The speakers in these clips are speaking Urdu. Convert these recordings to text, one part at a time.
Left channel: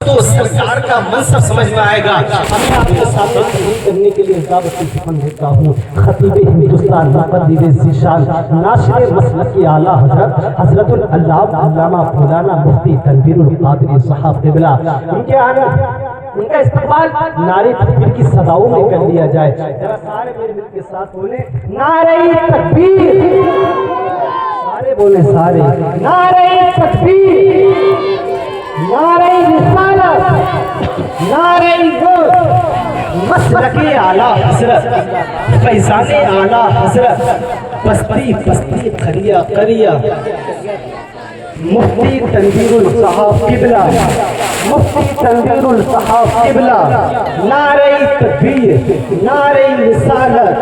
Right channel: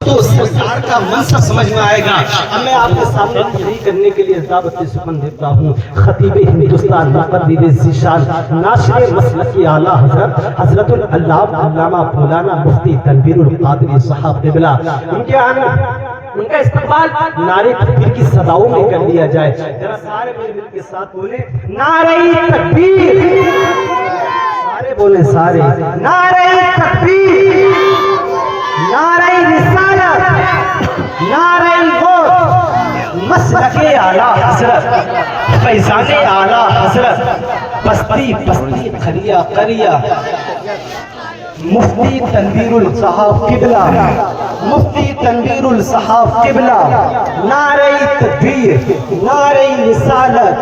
تو سرکار کا منصب سمجھ میں آئے گا. میں آپ کے سامنے تقریر کرنے کے لیے دعوت پسند دیتا ہوں. خطیب ہندوستان مقدم ذیشان ناشر مسلک کی اعلیٰ حضرت علامہ مولانا مفتی تنویر القادری صاحب قبلہ. ان کا استقبال نعرے تکبیر کی صداؤں میں کر لیا جائے. ذرا سارے مل کے ساتھ بولیں نعرہ تکبیر. سارے بولیں سارے نعرہ تکبیر، نعرہ رسالت، نعرہ الحق، مسلک اعلیٰ حضرت، فیضان اعلیٰ حضرت، بستی بستی قریہ قریہ، مفتی تنویر الصحاب قبلہ، مفتی تنویر الصحاب قبلہ. نعرہ تکبیر، نعرہ رسالت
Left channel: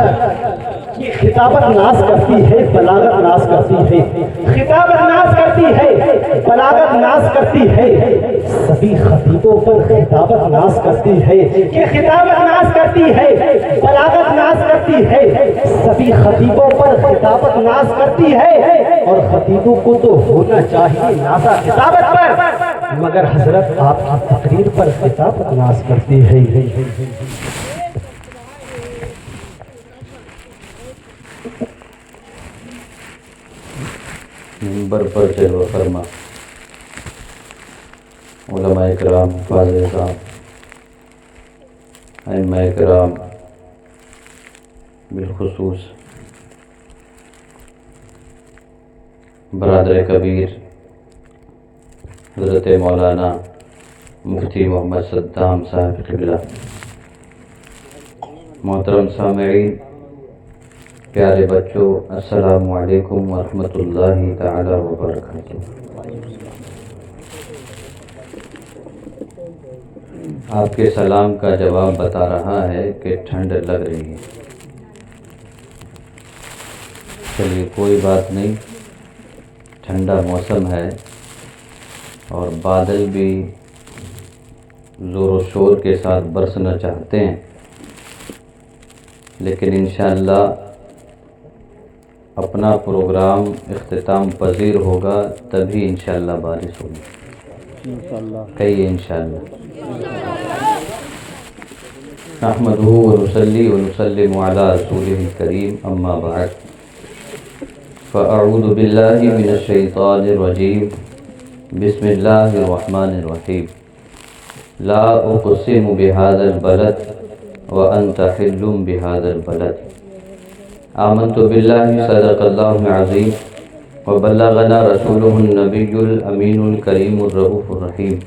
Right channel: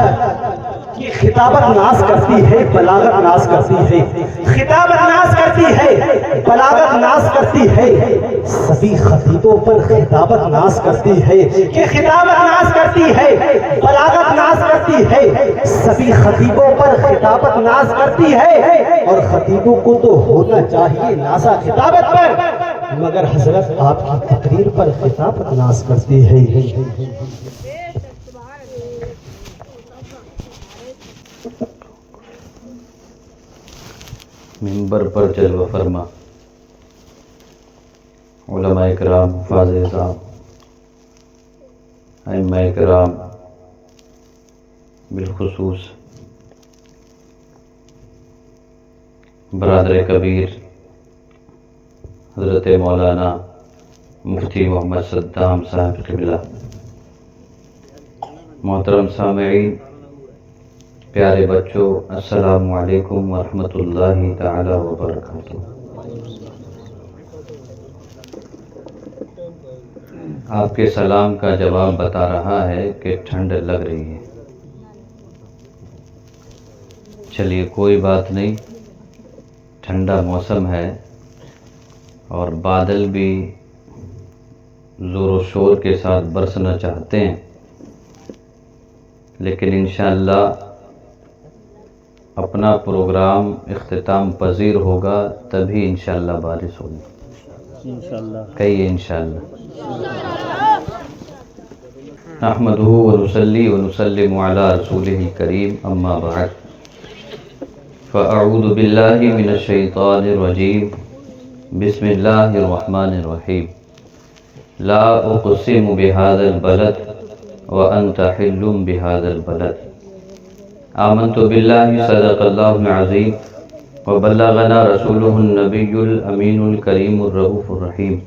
کی خطابت ناز کرتی ہے، بلاغت ناز کرتی ہے. خطابت ناز کرتی ہے، بلاغت ناز کرتی ہے. سبھی خطیبوں پر خطابت ناز کرتی ہے کہ خطابت ناز کرتی ہے، بلاغت ناز کرتی ہے. سبھی خطیبوں پر خطابت ناز کرتی ہے اور خطیبوں کو تو ہونا چاہیے نازا خطابت پر، مگر حضرت آپ کی تقریر پر خطابت ناز کرتی ہے. منبر پر جلوہ فرما علماء کرام، فاضل صاحب، ائمہ کرام، بالخصوص برادر کبیر حضرت مولانا مفتی محمد صدام صاحب قبلہ. محترم سامعین، پیارے بچوں، السلام علیکم ورحمۃ اللہ تعالی وبرکاتہ. آپ کے سلام کا جواب بتا رہا ہے کہ ٹھنڈ لگ رہی ہے. چلیے کوئی بات نہیں، ٹھنڈا موسم ہے اور بادل بھی زور و شور کے ساتھ برسنا چاہتے ہیں، لیکن انشاءاللہ اپنا پروگرام اختتام پذیر ہوگا تبھی انشاءاللہ بارش ہوگی. کہیے انشاءاللہ. نحمدہ ونصلی ونسلم علی رسولہ الکریم، اما بعد، فاعوذ باللہ من الشیطان الرجیم، بسم اللہ الرحمن الرحیم. لا اقسم بهذا البلد وانت حل بهذا البلد. آمنت باللہ صدق اللہ العظیم وبلغنا رسوله النبی الامین الکریم الرؤوف الرحیم،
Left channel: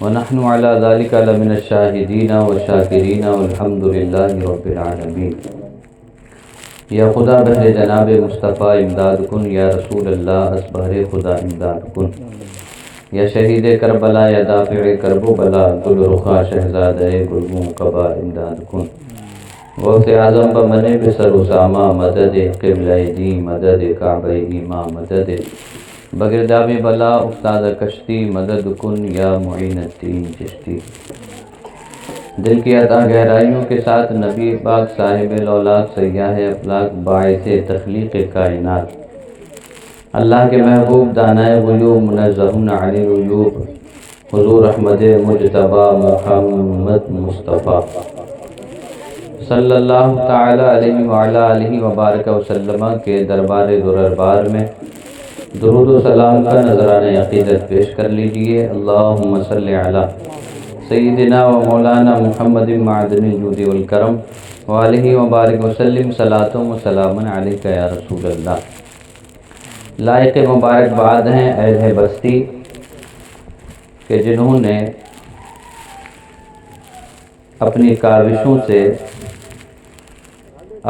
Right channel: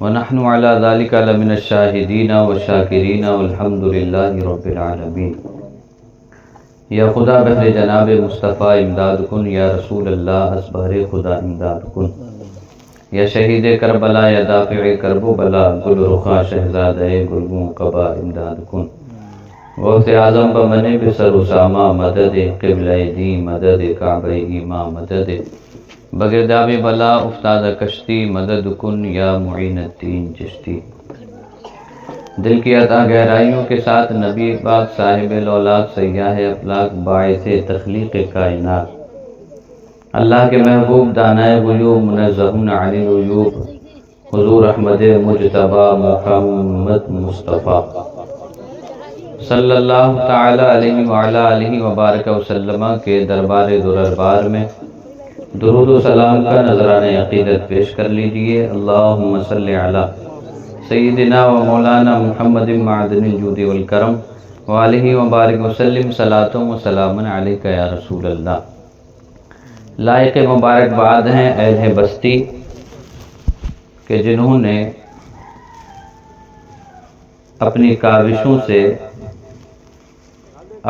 ونحن على ذلك لمن الشاہدین والشاکرین والحمد للہ رب العالمین. یا خدا بہر جناب مصطفیٰ امداد کن، یا رسول اللہ اسبہر خدا امداد کن. یا شہید کربلا، یا دافع کرب و بلا، گل رخا شہزادہ گلوں قبا امداد کن. غوث اعظم بمن بسر اسامہ مدد، قبلہ دین مدد، کعبہ ایما مدد. بگرداب بلا افتاد کشتی، مدد کن یا معین الدین چشتی. دل کی عطا گہرائیوں کے ساتھ نبی پاک صاحب الاولاق سیاح افلاق باعث تخلیق کائنات، اللہ کے محبوب دانائے غیوب منزہون عن العیوب، حضور احمد مجتبی محمد مصطفیٰ صلی اللہ تعالی علیہ وعلی آلہ وبارک وسلم کے دربار دربار میں درود و سلام کا نذرانہ عقیدت پیش کر لیجئے. اللہم صلی علی سیدنا و مولانا محمد معدن الجود والکرم وآلہ وبارک وسلم. صلاۃ و سلام علیک یا رسول اللہ. لائق مبارکباد ہیں اہل بستی کہ جنہوں نے اپنی کاوشوں سے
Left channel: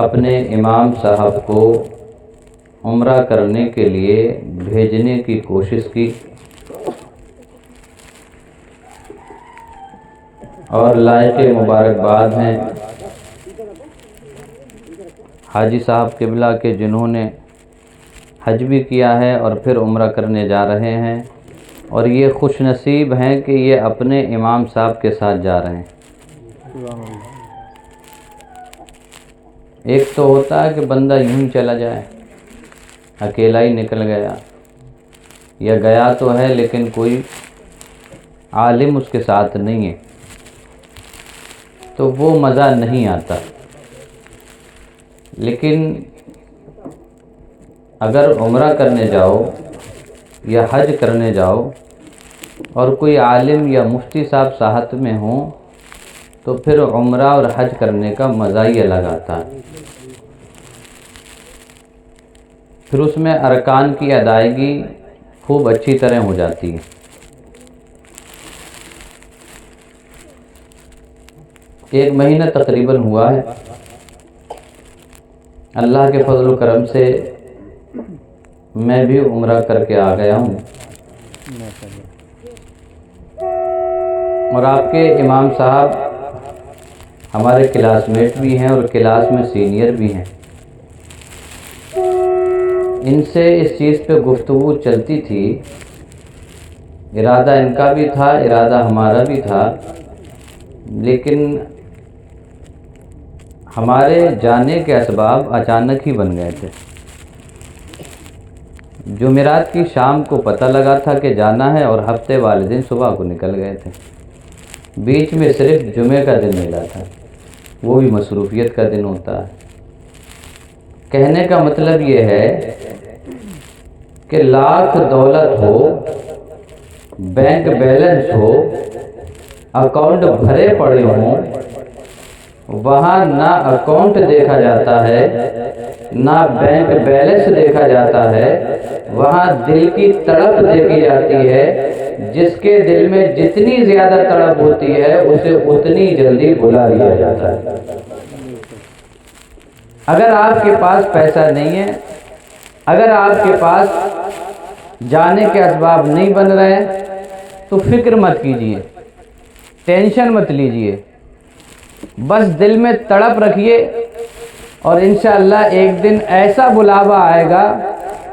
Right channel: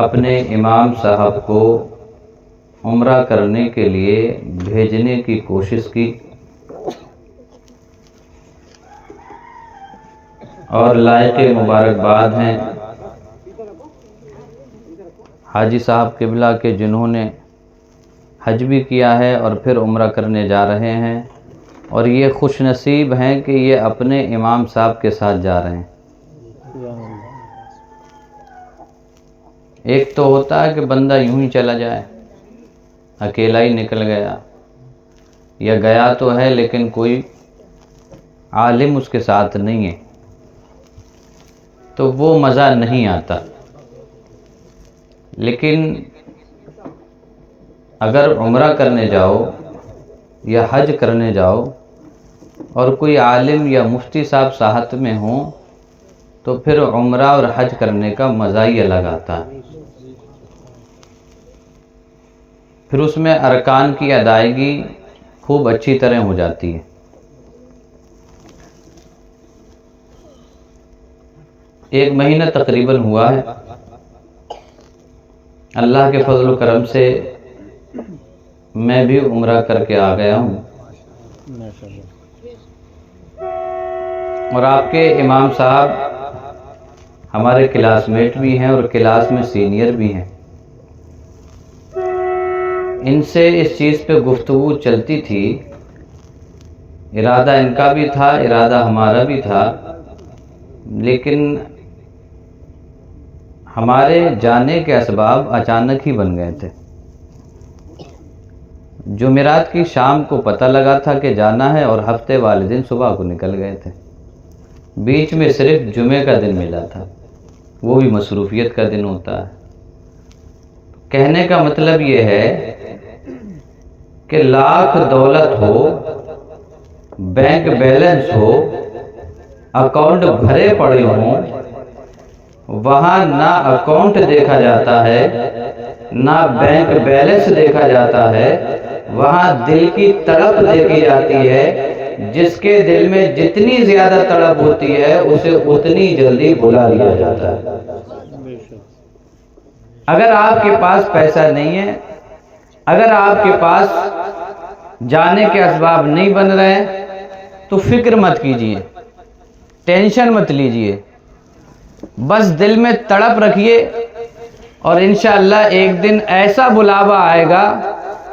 اپنے امام صاحب کو عمرہ کرنے کے لیے بھیجنے کی کوشش کی، اور لائق مبارکباد ہیں حاجی صاحب قبلہ کے جنہوں نے حج بھی کیا ہے اور پھر عمرہ کرنے جا رہے ہیں، اور یہ خوش نصیب ہیں کہ یہ اپنے امام صاحب کے ساتھ جا رہے ہیں. ایک تو ہوتا ہے کہ بندہ یوں ہی چلا جائے، اکیلا ہی نکل گیا، یا گیا تو ہے لیکن کوئی عالم اس کے ساتھ نہیں ہے تو وہ مزہ نہیں آتا. لیکن اگر عمرہ کرنے جاؤ یا حج کرنے جاؤ اور کوئی عالم یا مفتی صاحب ساتھ میں ہوں تو پھر عمرہ اور حج کرنے کا مزہ ہی الگ آتا. پھر اس میں ارکان کی ادائیگی خوب اچھی طرح ہو جاتی ہے. ایک مہینہ تقریباً ہوا ہے. اللہ کے فضل و کرم سے میں بھی عمرہ کر کے آ گیا ہوں اور آپ کے امام صاحب ہمارے کلاس میٹ بھی ہیں اور کلاس میں سینئر بھی ہیں. ان سے اس چیز پہ گفتگو چلتی تھی. ارادہ ان کا بھی تھا، ارادہ ہمارا بھی تھا، لیکن ہمارے جانے کے اسباب اچانک ہی بن گئے تھے. جمعرات کی شام کو پتہ لگا تھا کہ جانا ہے اور ہفتے والے دن صبح کو نکل گئے تھے. بیچ میں صرف جمعے کا دن ملا تھا، وہ بھی مصروفیت کا دن ہوتا ہے. کہنے کا مطلب یہ ہے کہ لاکھ دولت ہو، بینک بیلنس ہو، اکاؤنٹ بھرے پڑے ہوں، وہاں نہ اکاؤنٹ دیکھا جاتا ہے نہ بینک بیلنس دیکھا جاتا ہے. وہاں دل کی تڑپ دیکھی جاتی ہے. جس کے دل میں جتنی زیادہ تڑپ ہوتی ہے اسے اتنی جلدی بلا لیا جاتا ہے. اگر آپ کے پاس پیسہ نہیں ہے، اگر آپ کے پاس جانے کے اسباب نہیں بن رہے تو فکر مت کیجیے، ٹینشن مت لیجیے، بس دل میں تڑپ رکھیے اور انشاءاللہ ایک دن ایسا بلاوا آئے گا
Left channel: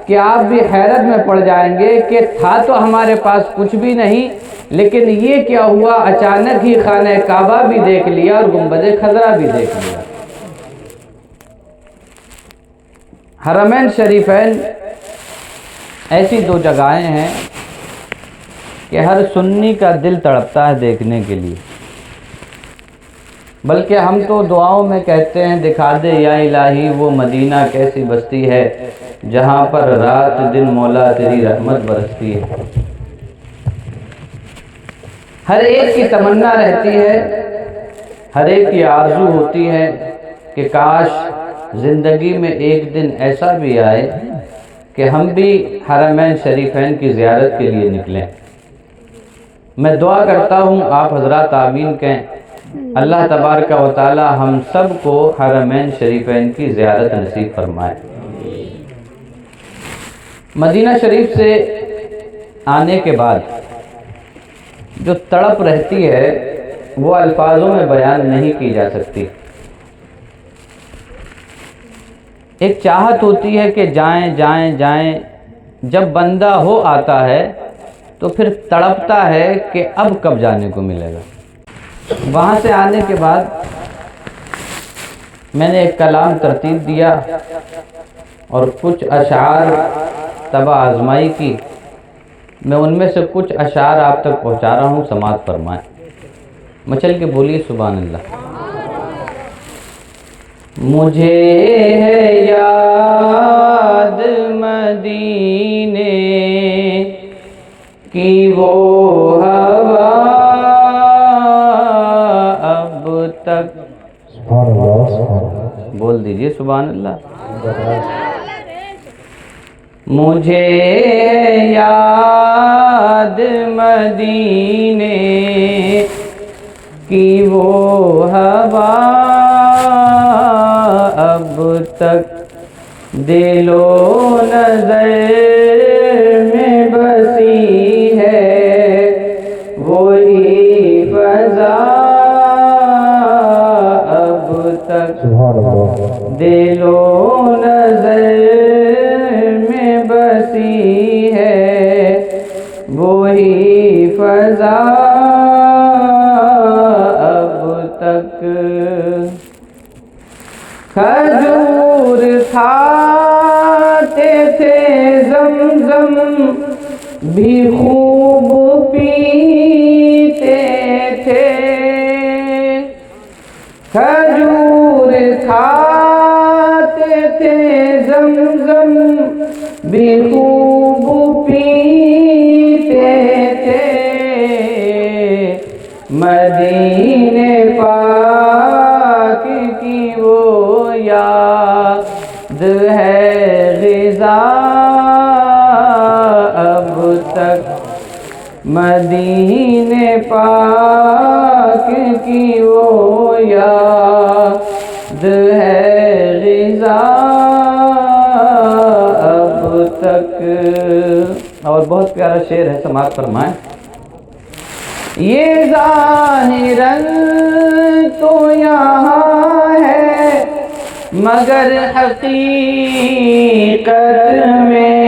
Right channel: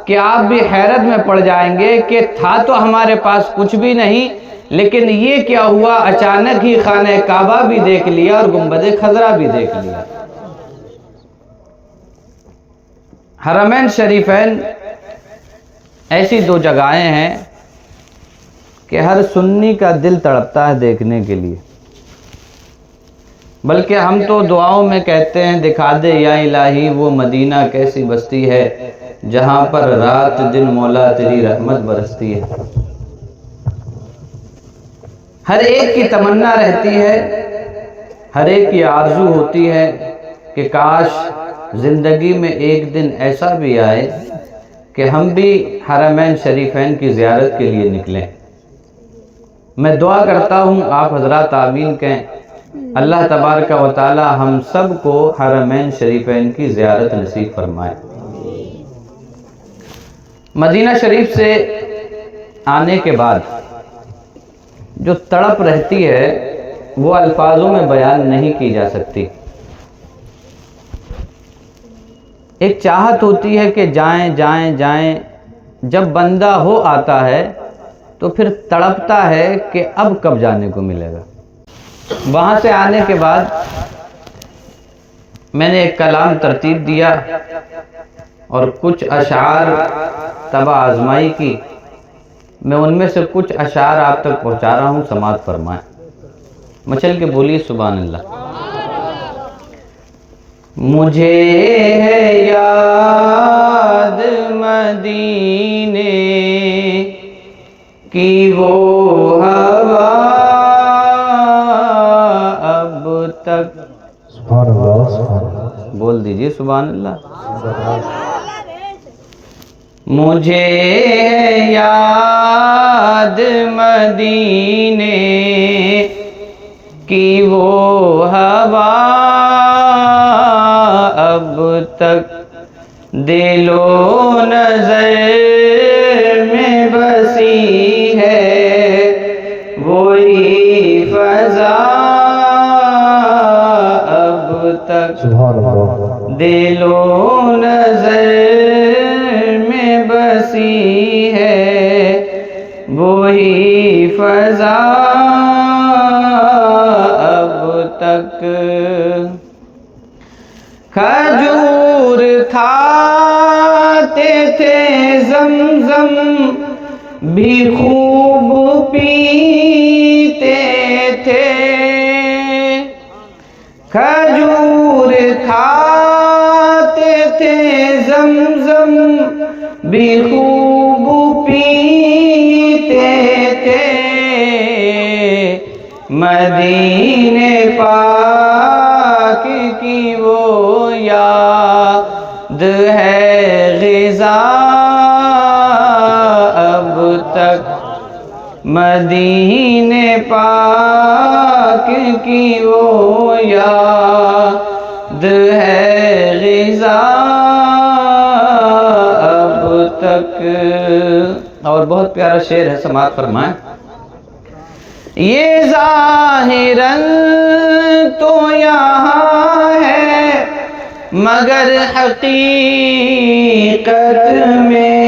کہ آپ بھی حیرت میں پڑ جائیں گے کہ تھا تو ہمارے پاس کچھ بھی نہیں، لیکن یہ کیا ہوا، اچانک ہی خانہ کعبہ بھی دیکھ لیا اور گنبد خضرا بھی دیکھ لیا. حرمین شریفین ایسی دو جگہیں ہیں کہ ہر سنی کا دل تڑپتا ہے دیکھنے کے لیے. بلکہ ہم تو دعاؤں میں کہتے ہیں دکھا دے یا الہی وہ مدینہ کیسی بستی ہے جہاں پر رات دن مولا تیری رحمت برستی ہے. ہر ایک کی تمنا رہتی ہے، ہر ایک کی آرزو ہوتی ہے کہ کاش زندگی میں ایک دن ایسا بھی آئے کہ ہم بھی حرمین شریفین کی زیارت کے لیے نکلیں. میں دعا کرتا ہوں آپ حضرات آمین کہیں. اللہ تبارک و تعالی ہم سب کو حرمین شریفین کی زیارت نصیب فرمائے. مدینہ شریف سے آنے کے بعد جو تڑپ رہتی ہے وہ الفاظوں میں بیان نہیں کی جا سکتی. ایک چاہت ہوتی ہے کہ جائیں جائیں جائیں. جب بندہ ہو آتا ہے تو پھر تڑپتا ہے کہ اب کب جانے کو ملے گا. وہاں سے آنے کے بعد میں نے ایک کلام ترتیب دیا اور کچھ اشعار طبع آزمائی کی. میں ان میں سے کچھ اشعار آپ تک پہنچا رہا ہوں، سماعت فرمائیں. مچل کے بولیے سبحان اللہ. مجھے ہے یاد مدینے کی وہ ہوا اب تک. سبحان اللہ سبحان اللہ. بول دیجئے سبحان اللہ. مجھے ہے یاد مدینے کی وہ ہوا اب تک دل و نظر میں بسی ہے وہی فضا اب تک. سبحان اللہ. دل و نظر میں بسی ہے وہی فضا اب تک. کھجور کھاتے تھے زمزم بھی خوب پی بھی خوب پیتے تھے مدینے پاک کی وہ یاد ہے غذا اب تک مدینے پاک کی وہ یاد ہے غذا اب تک. اور بہت پیارا شعر ہے، سماعت فرمائیں. یہ ظاہراً تو یہاں ہے مگر حقیقت میں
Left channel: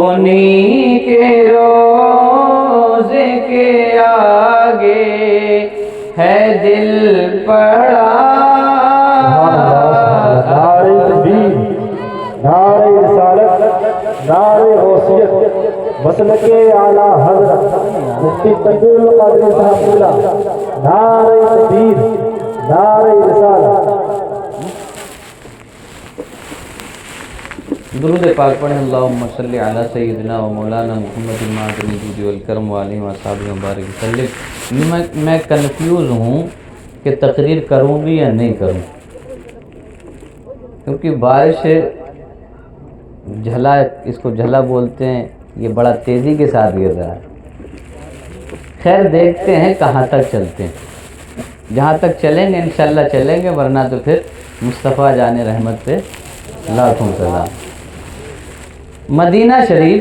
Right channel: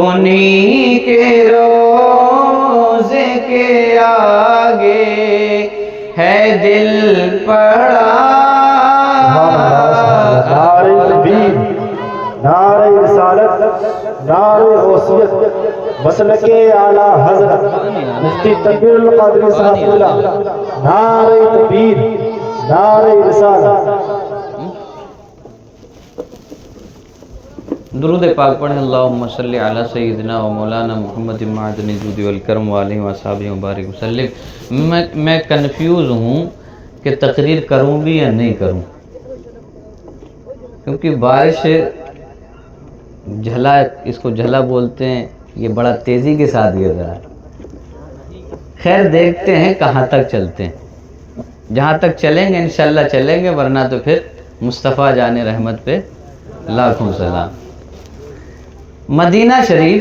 انہی کے روزے کے آگے ہے دل پڑا. نعرہ تکبیر، نعرہ رسالت، نعرہ غوثیت، مسلک اعلیٰ حضرت مفتی تقی القادری صاحب اللہ. نعرہ تکبیر، نعرہ رسالت. درود پاک پڑھیں. اللہم صلی علی سیدنا و مولانا محمد المعدن الجود والکرم وعلیہ وصحبہ مبارک وسلم. میں کنفیوز ہوں کہ تقریر کروں بھی یا نہیں کروں، کیونکہ بارش جھلا، اس کو جھلا بولتے ہیں، یہ بڑا تیزی کے ساتھ گر رہا ہے. خیر دیکھتے ہیں کہاں تک چلتے ہیں. جہاں تک چلیں گے انشاءاللہ چلیں گے، ورنہ تو پھر مصطفیٰ جان رحمت پہ لاکھوں سلام. مدینہ شریف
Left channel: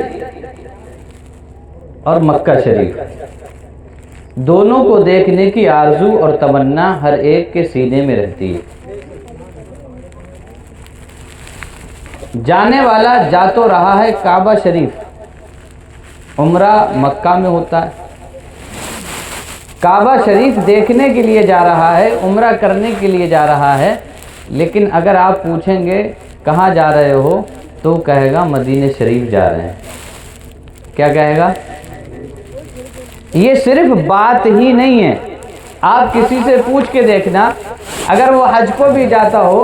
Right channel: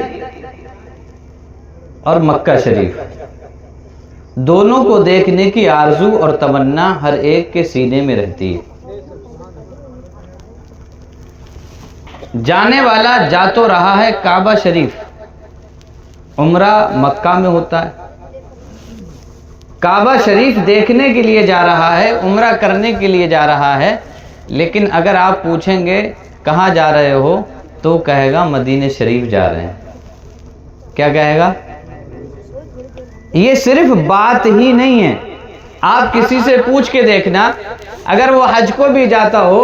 اور مکہ شریف دونوں کو دیکھنے کی آرزو اور تمنا ہر ایک کے سینے میں رہتی ہے. جانے والا جا تو رہا ہے کعبہ شریف، عمرہ مکہ میں ہوتا ہے. کعبہ شریف دیکھنے کے لیے جا رہا ہے، عمرہ کرنے کے لیے جا رہا ہے، لیکن اگر آپ پوچھیں گے کہاں جا رہے ہو تو کہے گا مدینہ شریف جا رہے ہیں. کیا کہے گا؟ یہ صرف بات ہی نہیں ہے. آپ کسی سے پوچھ کے دیکھنا، اگر وہ حج کو بھی جاتا ہو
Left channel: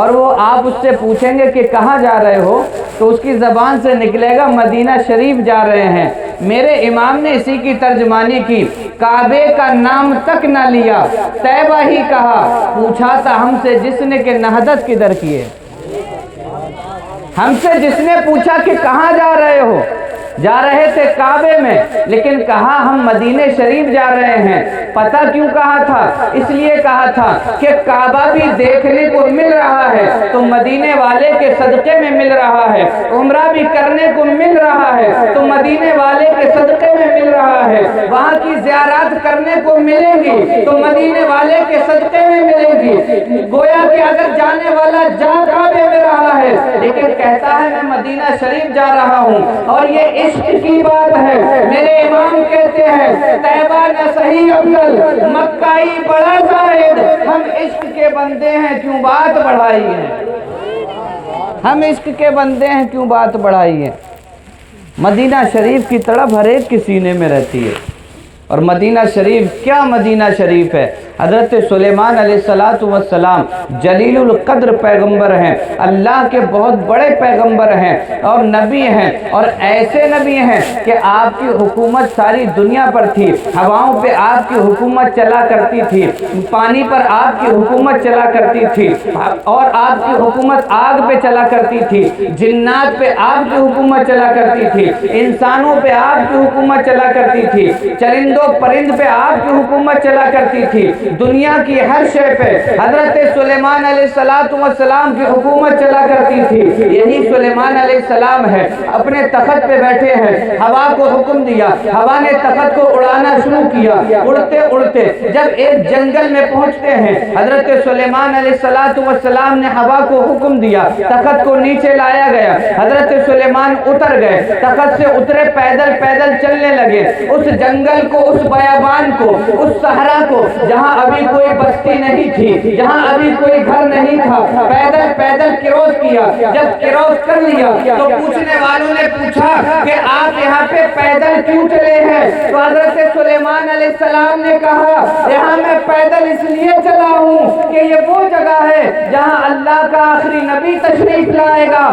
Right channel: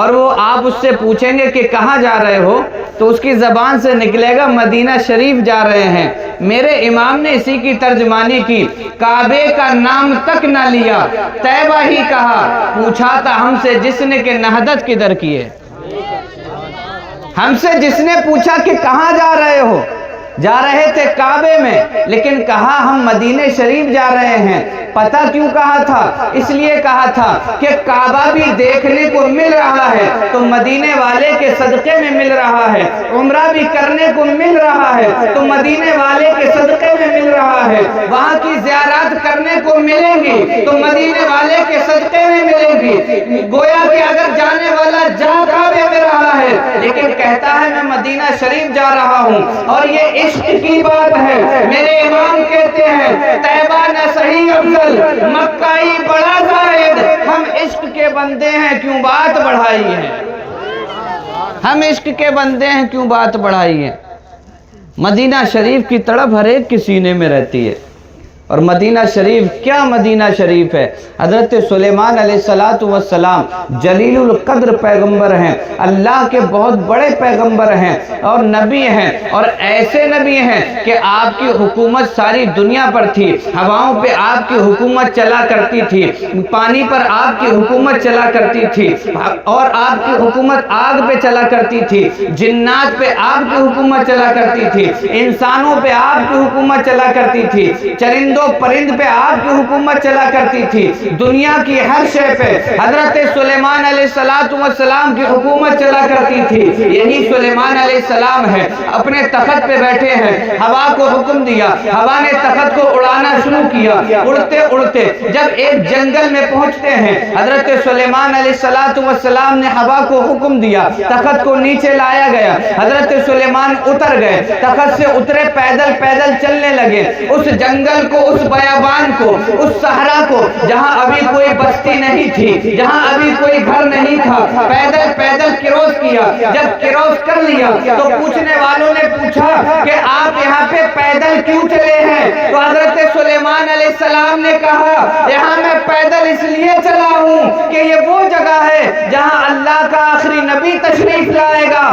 اور وہ آپ اس سے پوچھیں گے کہ کہاں جا رہے ہو تو اس کی زبان سے نکلے گا مدینہ شریف جا رہے ہیں. میرے امام نے اسی کی ترجمانی کی، کعبے کا نام تک نہ لیا، طیبہ ہی کہا، پوچھا تھا ہم سے جس نے کہ نہضت کدھر کی ہے. ہم سے جس نے پوچھا کہ کہاں جا رہے ہو، جا رہے تھے کعبے میں، لیکن کہا ہم مدینہ شریف جا رہے ہیں. پتہ کیوں کہا تھا؟ اس لیے کہا تھا کہ کعبہ بھی دیکھنے کو مل رہا ہے تو مدینے والے کے صدقے میں مل رہا ہے، عمرہ بھی کرنے کو مل رہا ہے تو مدینے والے کے صدقے میں مل رہا ہے، وہاں کی زیارت کرنے کو ملیں گی تو مدینے والے کے صدقے میں ملیں گی. گویا کہ اگر جانے والا جا کعبے میں رہا ہے لیکن کہتا ہے میں مدینہ شریف جا رہا ہوں، اور یہ عشق کی بات ہے. میرے امام کہتے ہیں طیبہ نہ صحیح افضل، مکہ ہی بڑا زائد. ہم عشق کے بندے ہیں کیوں بات بڑھائی ہے، ہم عشق کے بندے ہیں کیوں بات بڑھائی ہے. مدینہ شریف کی تڑپ ہر ایک کے سینے میں رہتی ہے. اور مدینہ شریف کیا مدینہ شریف ہے. حضرت سلیمان علیہ السلام جلیل القدر پیغمبر ہیں، اللہ کے بہت بڑے پیغمبر ہیں اور نبی ہیں، اور ایسے نبی ہیں کہ آپ کی حکومت ساری دنیا پر تھی. ہواؤں پہ آپ کی حکومت چلا کرتی تھی، پانی پر آپ کی حکومت چلا کرتی تھی، اور آپ کی حکومت آگ پہ چلا کرتی تھی، جنات پہ آپ کی حکومت چلا کرتی تھی، انسانوں پہ آپ کی حکومت چلا کرتی تھی، چرندوں پرند پہ آپ کی حکومت چلا کرتی تھی، دنیا کی ہر شے پہ حضرت سلیمان علیہ السلام کی حکومت چلا کرتی تھی. یہی سلیمان علیہ السلام ہے، اپنے تخت پہ بیٹھے ہیں، ہوا کو حکم دیا، ہوا نے تخت کو اڑانا شروع کیا. اڑتے اڑتے جب ایک جنگل میں پہنچتے ہیں، حضرت سلیمان علیہ السلام نے ہوا کو حکم دیا، تخت کو نیچے لایا گیا، حضرت سلیمان اتر گئے، تخت سے اترے، پیدل پیدل چلنے لگے. اس جنگل کو، اس بیابان کو، اس صحرا کو جہاں ابھی کوئی بستی نہیں تھی، جہاں ابھی کوئی گھر نہیں تھا، پیدل پیدل کراس کیا. جب کراس کر لیا تو پوچھنے والوں نے پوچھا کہ آپ یہاں پہ پیدل کیوں چلے ہیں؟ تو حضرت سلیمان علیہ السلام نے کہا یہاں میں پیدل اس لیے چلا ہوں کہ یہ وہ جگہ ہے جہاں اللہ کا آخری نبی تشریف لائے گا،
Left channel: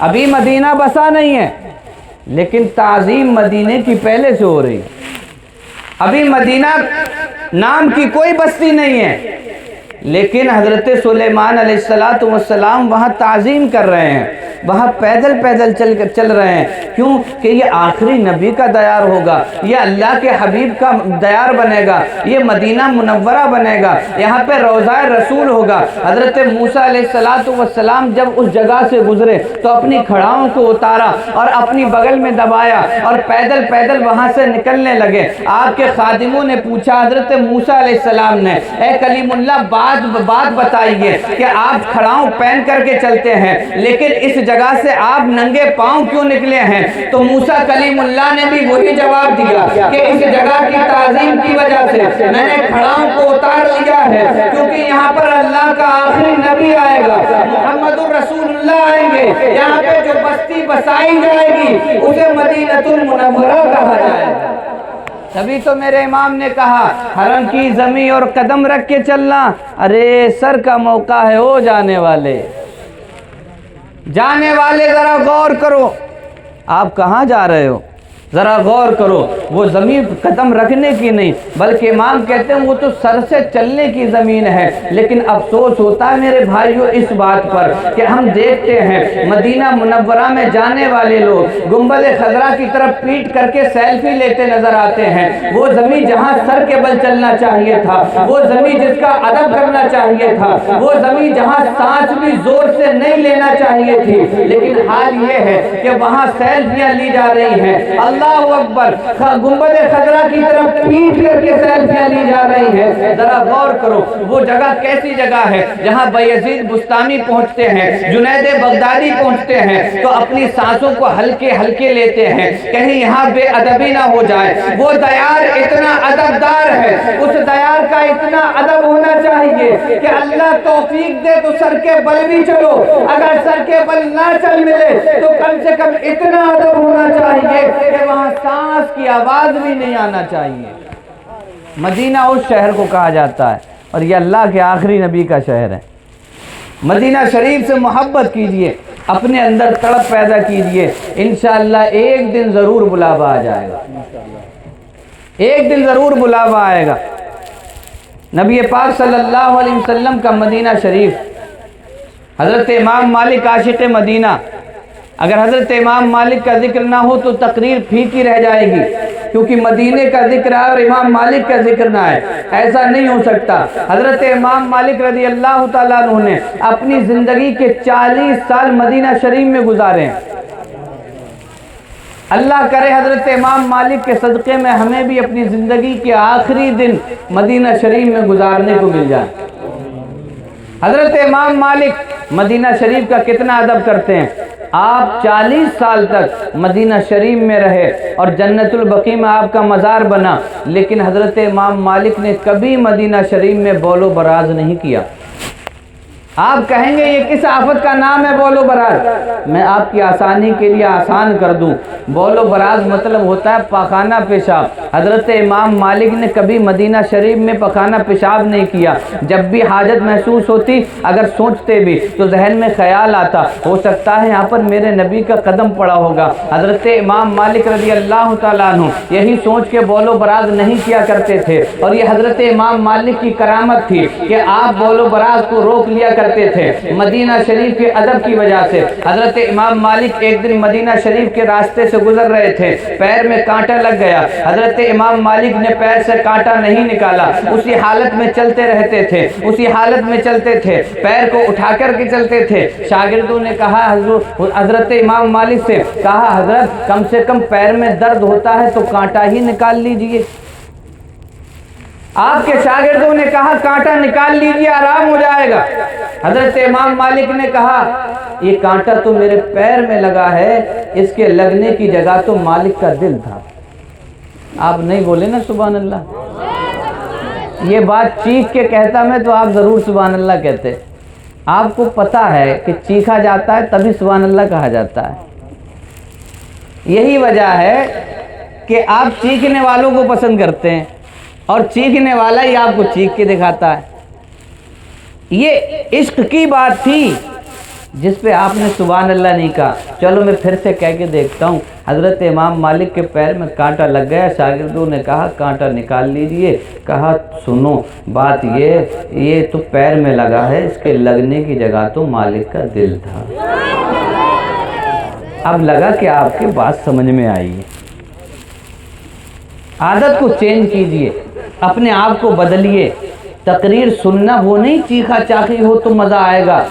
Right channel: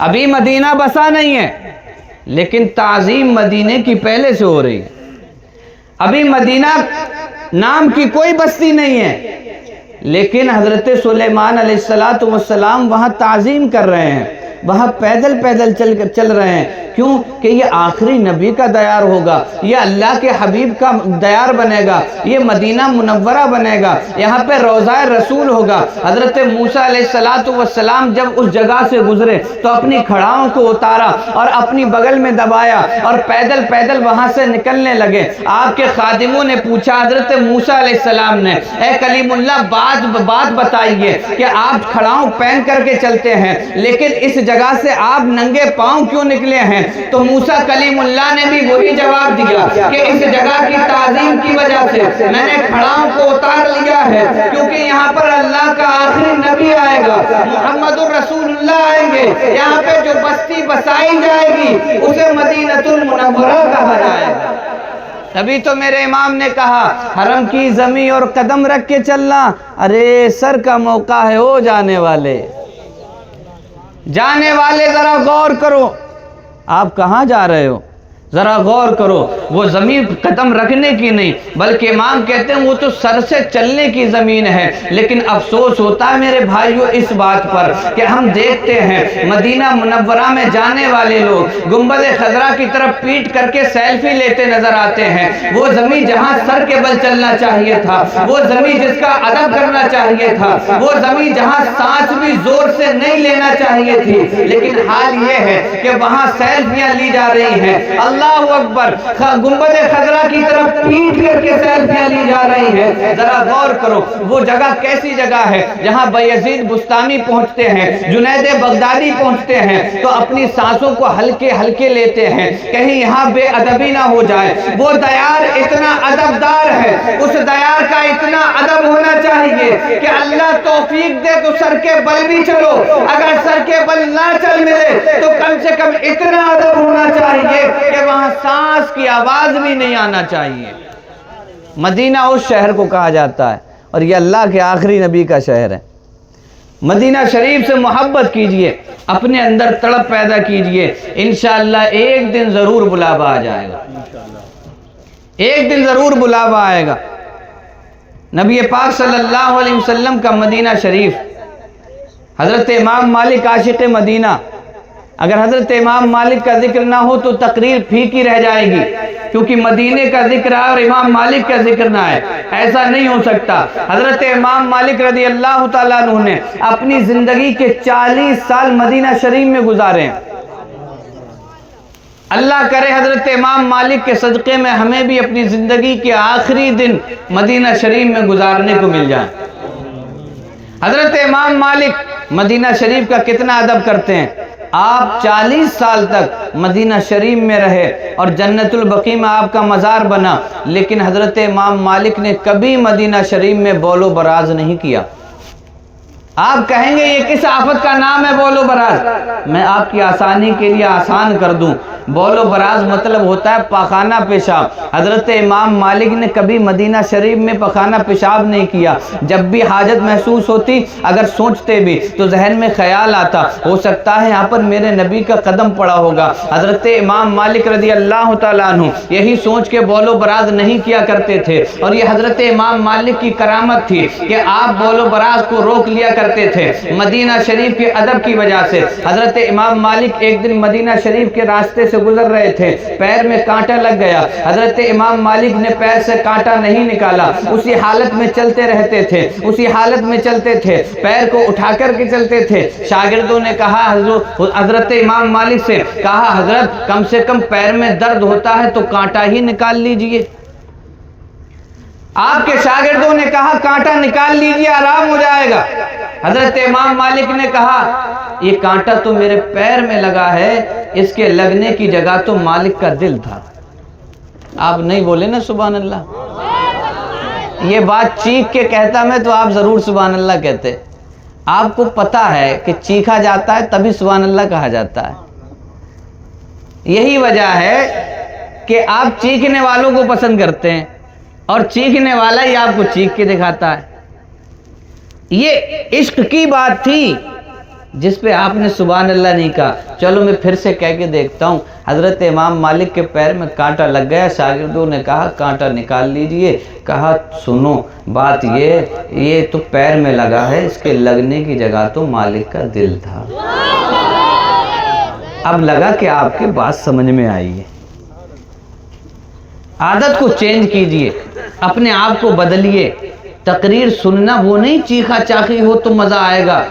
ابھی مدینہ بسا نہیں ہے، لیکن تعظیم مدینے کی پہلے سے ہو رہی. ابھی مدینہ نام کی کوئی بستی نہیں ہے، لیکن حضرت سلیمان علیہ السلام وہاں تعظیم کر رہے ہیں، وہاں پیدل پیدل چل رہے ہیں. کیوں کہ یہ آخری نبی کا دیار ہوگا، یہ اللہ کے حبیب کا دیار بنے گا، یہ مدینہ منورہ بنے گا، یہاں پہ روضہ رسول ہوگا. حضرت موسیٰ علیہ السلام جب اس جگہ سے گزرے تو اپنی کھڑاؤں کو اتارا اور اپنی بغل میں دبایا اور پیدل پیدل وہاں سے نکلنے لگے. آپ کے خادموں نے پوچھا حضرت موسیٰ علیہ السلام نے، اے کلیم اللہ بات بتائیے کہ آپ کھڑاؤں پہن کر کے چلتے ہیں، لیکن اس جگہ سے آپ ننگے پاؤں کیوں نکلے ہیں؟ تو موسیٰ کلیم اللہ نے بھی وہی جواب دیا کہ اس جگہ کی تعظیم کی وجہ سے میں نے کھڑاؤں کو اتار لیا ہے، کیونکہ یہاں پر اللہ کا آخری نبی آئے گا، محمد الرسول اللہ آئیں گے. یہاں پہ جو بستی بسائی جائے گی اسے مدینہ المنورہ کہا جائے گا. تبھی تو میرے امام نے کہا حرم کی زمین اور قدم رکھ کے چلنا، ارے سر کا موقع ہے او جانے والے ذرا غور کرو. آپ کہاں جا رہے ہو؟ ذرا غور کرو. وہ زمین قدم رکھنے کی نہیں بلکہ امام کہتے ہیں وہ تو سر سے چلنے کی زمین ہے. لیکن افسوس ہوتا ہے میرے بھائیوں اس بات پر کہ ہم دیکھتے ہیں مدینہ منورہ میں جانے والے لوگ گنبد خضرا کی طرف پیٹ کر کے سیلفی لیتے نظر آتے ہیں. وہ زمین جہاں سر کے بل چلنا چاہیے تھا، وہ زمین جس کا ادب کرنا چاہیے تھا، وہ زمین جہاں سانس بھی زور سے نہیں لینا چاہیے تھی، لیکن حال یہ ہے کہ وہاں سیلفیاں لی جا رہی ہیں. اللہ اکبر، گنبد خضرا کی طرف پیٹ کر کے سیلفیاں لی جا رہی ہیں. ذرا غور کرو وہ جگہ کیسی جگہ ہے جہاں بایزید بستانی پہنچتے ہیں، جنید بغدادی پہنچتے ہیں تو اپنی سانسوں کو ہلکے ہلکے لیتے ہیں کہیں یہاں بے ادبی نہ ہو جائے. وہ دیار اتنا ادبدار ہے، اس دیار کا اتنا ادب ہونا چاہیے کہ اللہ توفیق دے تو سر کے بل بھی چلو، اگر سر کے بل نہ چل ملے تو کم سے کم اتنا ادب ہونا چاہیے کہ وہاں سانس کی آواز بھی نہیں آنا چاہیے. مدینہ اس شہر کو کہا جاتا ہے اور یہ اللہ کے آخری نبی کا شہر ہے. مدینہ شریف سے محبت کیجئے، اپنے اندر تڑپ پیدا کیجئے، انشاءاللہ ایک دن ضرور بلاوا آ جائے گا، ایک دن ضرور بلاوا آئے گا. نبی پاک صلی اللہ علیہ وسلم کا مدینہ شریف، حضرت امام مالک عاشق مدینہ، اگر حضرت امام مالک کا ذکر نہ ہو تو تقریر پھیکی رہ جائے گی، کیونکہ مدینے کا ذکر ہے اور امام مالک کا ذکر نہ ہے، ایسا نہیں ہو سکتا. حضرت امام مالک رضی اللہ تعالیٰ عنہ نے اپنی زندگی کے 40 سال مدینہ شریف میں گزارے ہیں. اللہ کرے حضرت امام مالک کے صدقے میں ہمیں بھی اپنی زندگی کے آخری دن مدینہ شریف میں گزارنے کو مل جائے. حضرت امام مالک مدینہ شریف کا کتنا ادب کرتے ہیں. آپ 40 سال تک مدینہ شریف میں رہے اور جنت البقیع میں آپ کا مزار بنا، لیکن حضرت امام مالک نے کبھی مدینہ شریف میں بول و براز نہیں کیا. آپ کہیں گے یہ کس آفت کا نام ہے بول و براز؟ میں آپ کی آسانی کے لیے آسان کر دوں. بول و براز مطلب ہوتا ہے پاخانہ پیشاب. حضرت امام مالک نے کبھی مدینہ شریف میں پاخانہ پیشاب نہیں کیا. جب بھی حاجت محسوس ہوتی، اگر سوچتے بھی تو ذہن میں خیال آتا ہو سکتا ہے یہاں پر میرے نبی کا قدم پڑا ہوگا. حضرت امام مالک رضی اللہ تعالیٰ عنہ یہی سوچ کے بول و براز نہیں کیا کرتے تھے، اور یہ حضرت امام مالک کی کرامت تھی کہ آپ بول و براز کو روک لیا کرتے تھے مدینہ شریف کے ادب کی وجہ سے. حضرت امام مالک ایک دن مدینہ شریف کے راستے سے گزر رہے تھے، پیر میں کانٹا لگ گیا. حضرت امام مالک نے پیر سے کانٹا نہیں نکالا، اسی حالت میں چلتے رہتے تھے، اسی حالت میں چلتے تھے، پیر کو اٹھا کر کے چلتے تھے. شاگردوں نے کہا حضرت امام مالک سے، کہا حضرت کم سے کم پیر میں درد ہوتا ہے تو کانٹا ہی نکال لیجئے. آپ کے شاگردوں نے کہا کانٹا نکال لیجئے آرام ہو جائے گا. حضرت امام مالک نے کہا یہ کانٹا تو میرے پیر میں لگا ہے، اس کے لگنے کی جگہ تو مالک کا دل تھا. آپ نہیں بولے نا سبحان اللہ؟ یہ بات چیخ کے کہتا میں تو آپ ضرور سبحان اللہ کہتے. آپ کو پتا ہے کہ چیخا جاتا ہے تبھی سبحان اللہ کہا جاتا ہے. یہی وجہ ہے کہ آپ چیخنے والوں کو پسند کرتے ہیں اور چیخنے والا ہی آپ کو چیخ کے دکھاتا ہے. یہ عشق کی بات تھی جس پہ آپ نے سبحان اللہ نہیں کہا۔ چلو میں پھر سے کہہ کے دیکھتا ہوں۔ حضرت امام مالک کے پیر میں کانٹا لگ گیا، شاگردوں نے کہا کانٹا نکال لیجئے۔ کہا سنو بات یہ تو پیر میں لگا ہے، اس کے لگنے کی جگہ تو مالک کا دل تھا۔ اب لگا کہ آپ کی بات سمجھ میں آئی ہے۔ عادت کو چینج کیجئے، اپنے آپ کو بدلیے۔ تقریر سننا وہ نہیں چیخا چاخی ہو تو مزہ آئے گا،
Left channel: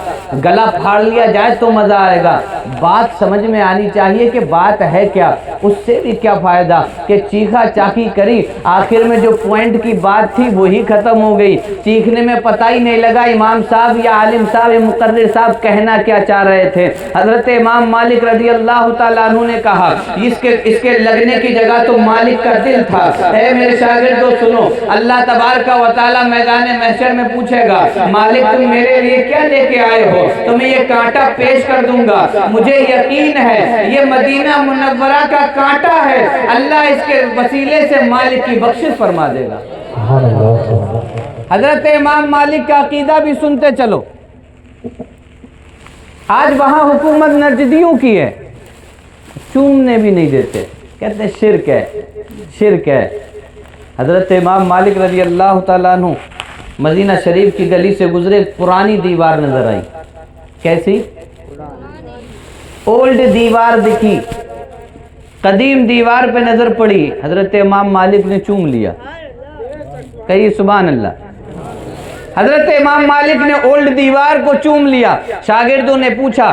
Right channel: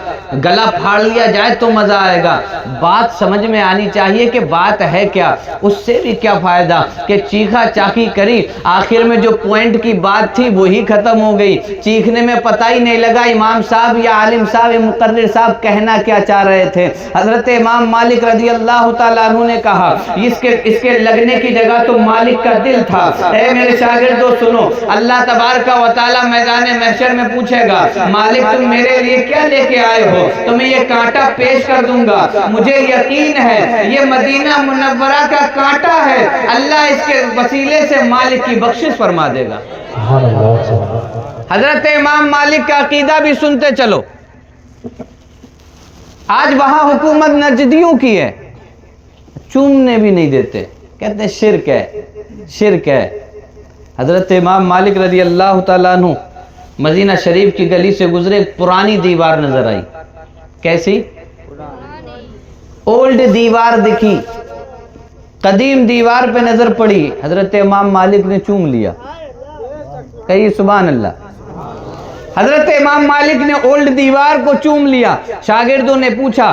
گلا پھاڑ لیا جائے تو مزہ آئے گا۔ بات سمجھ میں آنی چاہیے کہ بات ہے کیا، اس سے بھی کیا فائدہ کہ چیخا چاخی کری، آخر میں جو پوائنٹ کی بات تھی وہی ختم ہو گئی، چیخنے میں پتہ ہی نہیں لگا امام صاحب یا عالم صاحب یا مقرر صاحب کہنا کیا چاہ رہے تھے۔ حضرت امام مالک رضی اللہ تعالیٰ عنہ نے کہا اس کے لگنے کی جگہ تو مالک کا دل تھا۔ اے میرے شاگردو سنو، اللہ تبارک و تعالیٰ میدان محشر میں پوچھے گا مالک تم میرے لیے کیا لے کے آئے ہو؟ تمہیں یہ کانٹا پیش کر دوں گا، مجھے یقین ہے یہ مدینہ منورہ کا کانٹا ہے، اللہ اس کے وسیلے سے مالک کی بخشش فرما دے گا۔ حضرت امام مالک کا عقیدہ بھی سنتے چلو۔ آج وہاں حکومت نجدیوں کی ہے، چومنے بھی نہیں دیتے، کہتے شرک ہے شرک ہے۔ حضرت امام مالک رضی اللہ تعالیٰ عنہ مدینہ شریف کی گلی سے گزرے، پرانی دیوار نظر آئی۔ کیسی؟ اولڈ دیوار دکھی، قدیم دیوار پہ نظر پڑی، حضرت امام مالک نے چوم لیا۔ کہیے سبحان اللہ۔ حضرت امام مالک نے اولڈ دیوار کو چوم لیا۔ شاگردوں نے پوچھا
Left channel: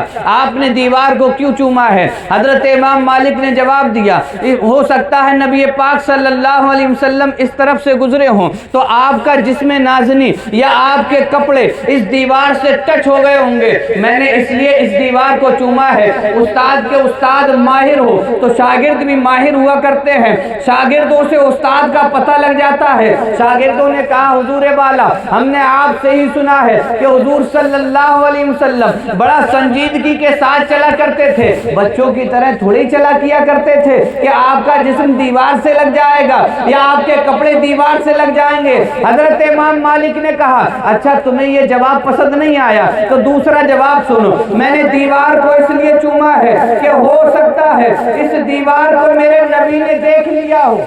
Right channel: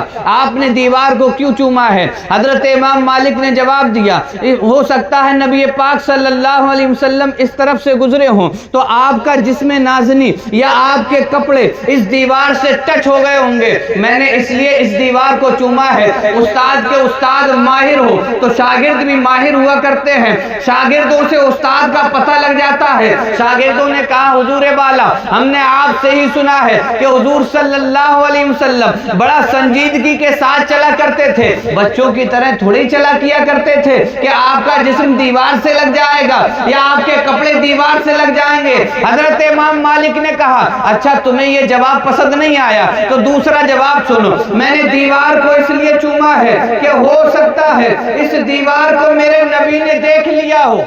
آپ نے دیوار کو کیوں چوما ہے؟ حضرت امام مالک نے جواب دیا ہو سکتا ہے نبی پاک صلی اللہ علیہ وسلم اس طرف سے گزرے ہوں تو آپ کا جسم نازنی یا آپ کے کپڑے اس دیوار سے ٹچ ہو گئے ہوں گے، میں نے اس لیے اس دیوار کو چوما ہے۔ استاد کے استاد ماہر ہو تو شاگرد بھی ماہر ہوا کرتے ہیں، شاگردوں سے استاد کا پتہ لگ جاتا ہے۔ شاگردوں نے کہا حضور بالا ہم نے آپ سے ہی سنا ہے کہ حضور صلی اللہ علیہ وسلم بڑا سنجیدگی کے ساتھ چلا کرتے تھے، بچوں کی طرح تھوڑی چلا کیا کرتے تھے کہ آپ کا جسم دیوار سے لگ جائے گا یا آپ کے کپڑے دیوار سے لگ جائیں گے۔ حضرت امام مالک نے کہا اچھا تمہیں یہ جواب پسند نہیں آیا تو دوسرا جواب سنو، میں نے دیوار کو اس لیے چوما ہے کہ ہو سکتا ہے اس دیوار کو میرے نبی نے دیکھ لیا ہو۔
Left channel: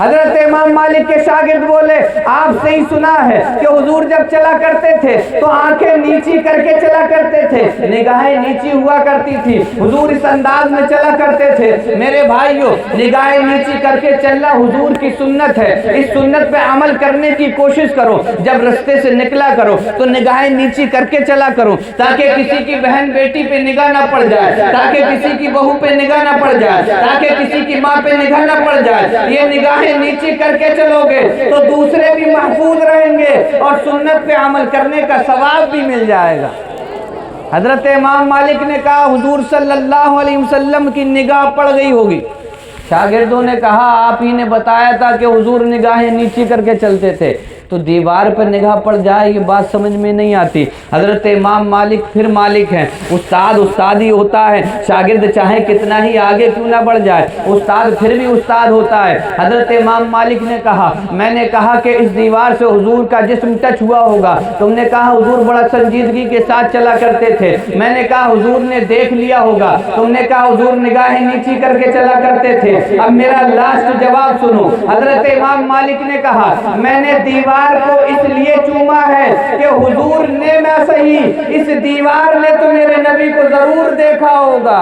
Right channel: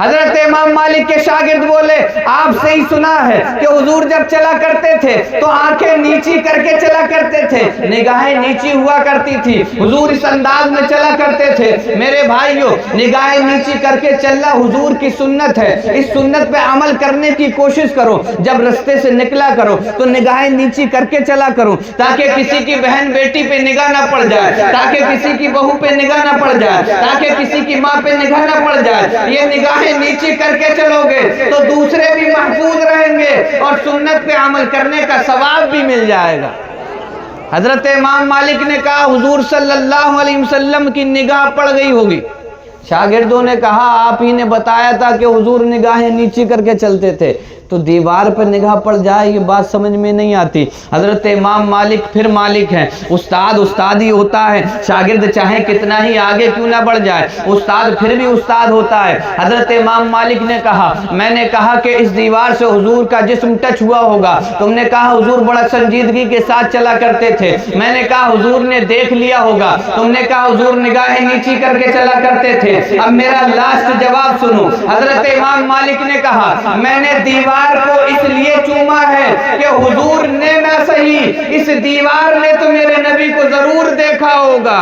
حضرت امام مالک کے شاگرد بولے آپ سے ہی سنا ہے کہ حضور جب چلا کرتے تھے تو آنکھیں نیچی کر کے چلا کرتے تھے، نگاہیں نیچی ہوا کرتی تھی، حضور اس انداز میں چلا کرتے تھے۔ میرے بھائیوں نگاہیں نیچی کر کے چلنا حضور کی سنت ہے، اس سنت پہ عمل کرنے کی کوشش کرو، جب رستے سے نکلا کرو تو نگاہیں نیچی کر کے چلا کرو تاکہ کسی کی بہن بیٹی پہ نگاہ نہ پڑ جائے، تاکہ کسی کی بہو پہ نگاہ نہ پڑ جائے، تاکہ کسی کی ماں پہ نگاہ نہ پڑ جائے۔ یہ نگاہیں نیچی کر کے چلو گے تو دوسرے بھی محفوظ رہیں گے اور سنت پہ عمل کرنے کا ثواب بھی مل جائے گا۔ حضرت امام مالک نے کہا حضور صلی اللہ علیہ وسلم کی نگاہ پڑ گئی ہوگی۔ شاگردوں نے کہا آپ ہی نے بتایا تھا کہ حضور نگاہیں نیچی کر کے چلتے تھے، تو دیوار پر نگاہ پڑ جائے یہ بات سمجھ میں نہیں آتی۔ حضرت امام مالک پھر مالک ہیں، استاد استاد ہی ہوتا ہے، شاگرد چاہے کتنا ہی آگے کیوں نہ بڑھ جائے، استاد پھر بھی استاد ہوتا ہے۔ حضرت امام مالک نے کہا میں نے کہا کہ اس دیوار سے حضور کا جسم ٹچ ہوا ہوگا، تم نے کہا حضور بڑا سنجیدگی کے ساتھ چلا کرتے تھے، میں نے کہا حضور نے دیکھ لیا ہوگا، تم نے کہا حضور نگاہیں نیچی کر کے چلا کرتے تھے۔ اب میرا لاسٹ جواب سنو، حضرت امام مالک نے کہا میں نے دیوار کو اس لیے چوما ہے کہ حضور نے نہ صحیح اس دیوار نے تو میرے نبی کو ضرور دیکھا ہوگا۔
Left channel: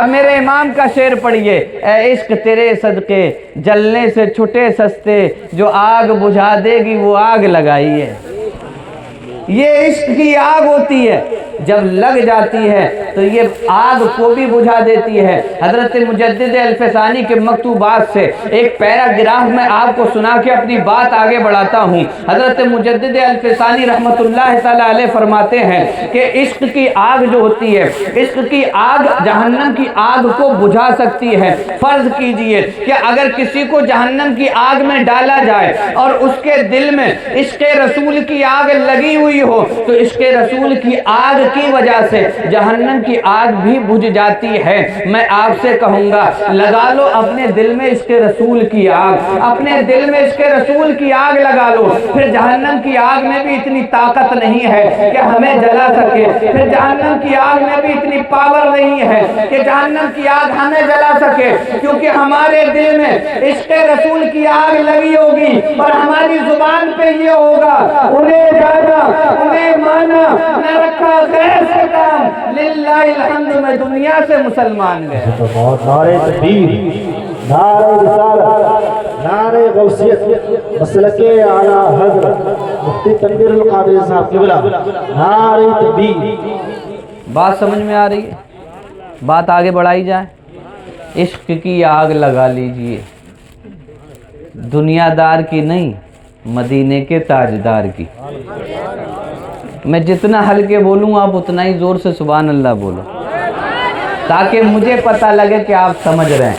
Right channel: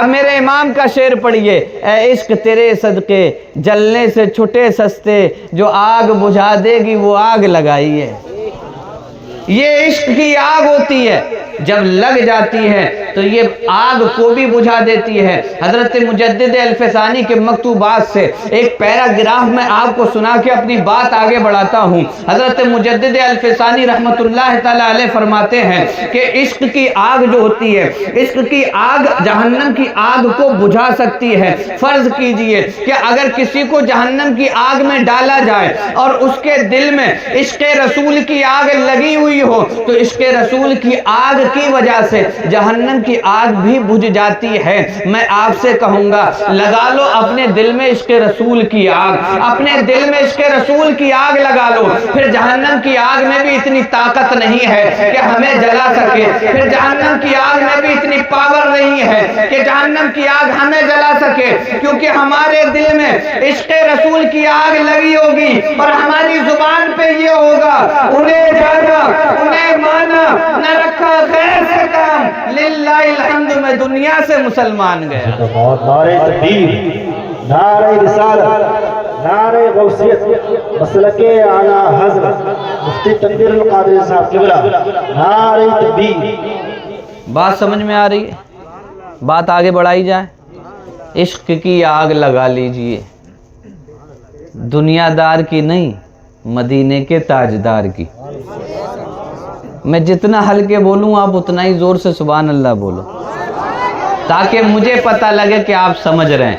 اب میرے امام کا شعر پڑھیے، اے عشق تیرے صدقے جلنے سے چھٹے سستے، جو آگ بجھا دے گی وہ آگ لگائیے۔ یہ عشق کی آگ ہوتی ہے، جب لگ جاتی ہے تو یہ آگ کو بھی بجھا دیتی ہے۔ حضرت مجدد الفسانی کے مکتوبات سے ایک پیراگراف میں آپ کو سنا کے اپنی بات آگے بڑھاتا ہوں۔ حضرت مجدد الفسانی رحمت اللہ تعالیٰ علیہ فرماتے ہیں کہ عشق کی آگ جو ہوتی ہے، عشق کی آگ جہنم کی آگ کو بجھا سکتی ہے۔ فرض کیجئے کہ اگر کسی کو جہنم کی آگ میں ڈالا جائے اور اس کے دل میں عشق رسول کی آگ لگی ہوئی ہوئی ہو تو عشق رسول کی آگ کی وجہ سے جہنم کی آگ بھی بجھ جاتی ہے۔ میں آپ سے کہوں گا لگا لو اپنے دل میں عشق رسول کی آگ، اپنے دل میں عشق رسول کی آگ لگا لو، پھر جہنم کی آگ میں بھی اتنی طاقت نہیں ہے کہ ہمیں جلا سکے، پھر جہنم کی آگ میں بھی اتنی پاور نہیں ہے کہ جہنم کی آگ ہمیں جلا سکے، کیونکہ ہمارے دل میں عشق رسول کی آگ لگی ہوگی اور ہماری زبان پہ یہ ہوگا انہیں جانا انہیں مانا نہ رکھا غیر سے کام، للہ الحمد میں دنیا سے مسلمان گیا۔ نعرہ تکبیر، نعرہ رسالت، نعرہ غوثیت، مسلک اعلیٰ حضرت مفتی تنویر القادری صاحب قبلہ، نعرہ تکبیر۔ بات سمجھ میں آ رہی ہے؟ بات آگے بڑھائی جائے۔ عشق کی آگ لگا لیجئے، دنیا دار کی نہیں، مدینے کے تاجدار کی۔ میں جتنا ہلکے بولوں آپ اتنا ہی زور سے سبحان اللہ بولو، تاکہ مجھے پتہ لگے کہ آپ سمجھ رہے ہیں۔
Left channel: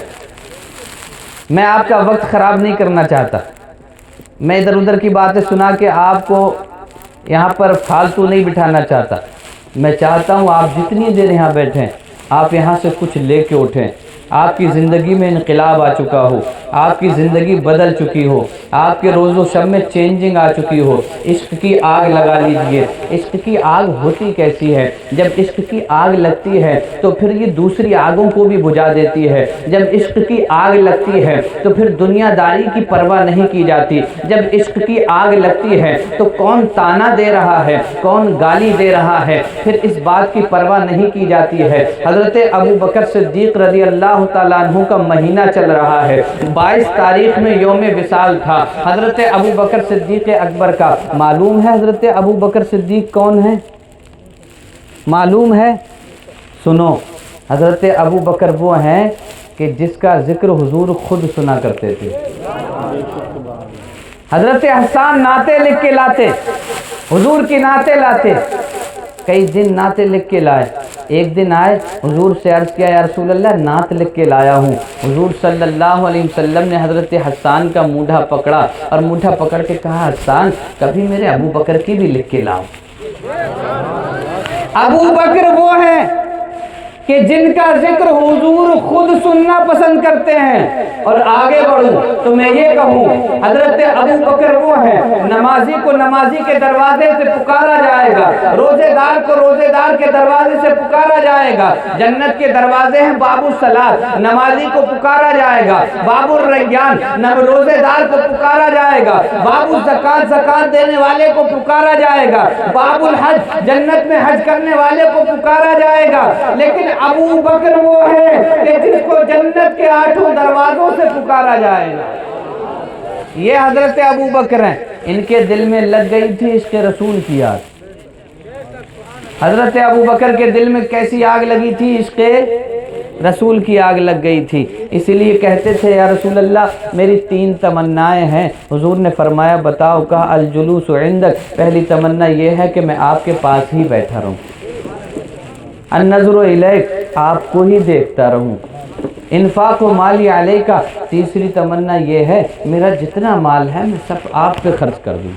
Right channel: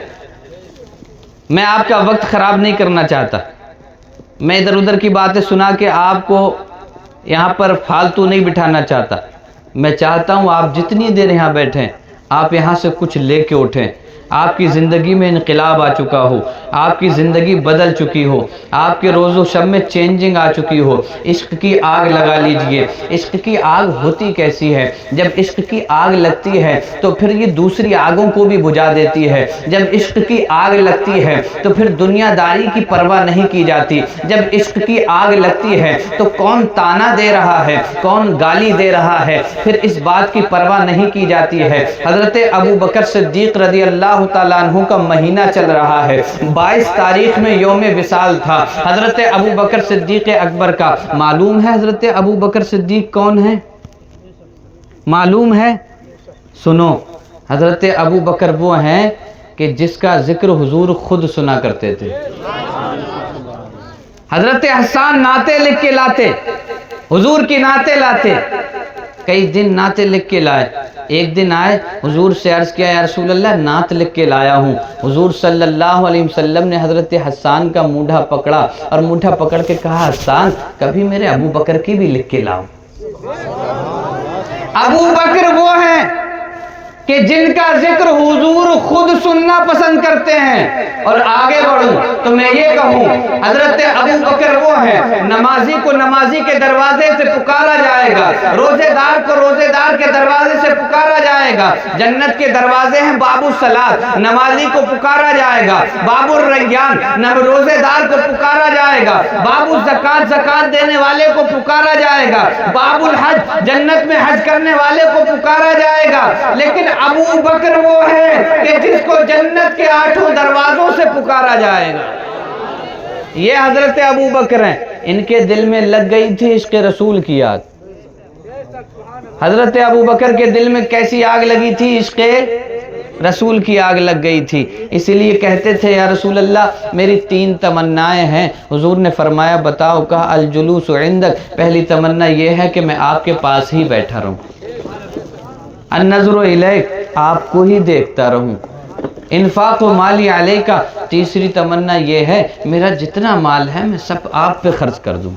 میں آپ کا وقت خراب نہیں کرنا چاہتا، میں ادھر ادھر کی باتیں سنا کے آپ کو یہاں پر فالتو نہیں بٹھانا چاہتا۔ میں چاہتا ہوں آپ جتنی دیر یہاں بیٹھیں آپ یہاں سے کچھ لے کے اٹھیں، آپ کی زندگی میں انقلاب آ چکا ہو، آپ کی زندگی بدل چکی ہو، آپ کے روز و شب میں چینجنگ آ چکی ہو۔ عشق کی آگ لگا لیجئے۔ عشق کی آگ ہوتی کیسی ہے؟ جب عشق کی آگ لگتی ہے تو پھر یہ دوسری آگوں کو بھی بجھا دیتی ہے۔ جب عشق کی آگ لگتی ہے تو پھر دنیا داری کی پرواہ نہیں کی جاتی۔ جب عشق کی آگ لگتی ہے تو کون تانا دے رہا ہے، کون گالی دے رہا ہے، پھر اس بات کی پرواہ نہیں کی جاتی ہے۔ حضرت ابو بکر صدیق رضی اللہ تعالیٰ عنہ کا مہینہ چل رہا ہے، 22 تاریخ میں یوم وصال تھا حضرت ابو بکر صدیق اکبر کا۔ معلوم ہے حضرت ابو بکر صدیق کون ہے؟ معلوم ہے؟ سنو، حضرت ابو بکر وہ ہیں کہ جس کا ذکر حضور خود سنا کرتے تھے۔ حضرت حسان نعتیں لکھ کے لاتے، حضور کی نعتیں لاتے، کئی دن نعتیں لکھ کے لائے۔ ایک دن آئے حضور سے عرض کیا یا رسول اللہ نعت لکھ کے لایا ہوں۔ حضور صلی اللہ علیہ وسلم نے حضرت حسان کا مونڈھا پکڑا اور مونڈھا پکڑ کے کہا حسان کبھی میرے ابو بکر کی بھی لکھ کے لاؤ۔ ابو بکر وہ ہیں کہ جن کا ذکر حضور خود سننا پسند کرتے ہیں۔ اور آگے بڑھوں تو میں یہ کہوں حضرت ابو بکر وہ ہیں نمازی کو نمازی کے دروازے سے پکارا جائے گا، روزے دار کو روزے دار کے دروازے سے پکارا جائے گا۔ جنت کے دروازے ہیں باب الصلاۃ، نمازی کو پکارا جائے گا۔ باب الریان، روزے دار کو پکارا جائے گا۔ باب الزکات، زکات دینے والے کو پکارا جائے گا۔ باب الحج، جنت میں حج کرنے والے کو پکارا جائے گا۔ لیکن ابو بکر وہ ہے کہ جس کو جنت کے 8 دروازوں سے پکارا جائے گا۔ یہ حضرت ابو بکر ہیں، ان کے دل میں لگ گئی تھی عشق رسول کی آگ۔ حضرت ابو بکر کے دل میں کیسی آگ لگی تھی؟ عشق رسول کی آگ لگ گئی تھی۔ اسی لیے کہتے تھے یا رسول اللہ میری 3 تمنائیں ہیں۔ حضور نے فرمایا بتاؤ؟ کہا الجلوس عندک، پہلی تمنا یہ ہے کہ میں آپ کے پاس ہی بیٹھا رہوں۔ النظر الیک، آپ کو ہی دیکھتا رہوں۔ انفاق و مالی علیکہ، تیسری تمنا یہ ہے میرا جتنا مال ہے میں سب آپ پہ خرچ کر دوں۔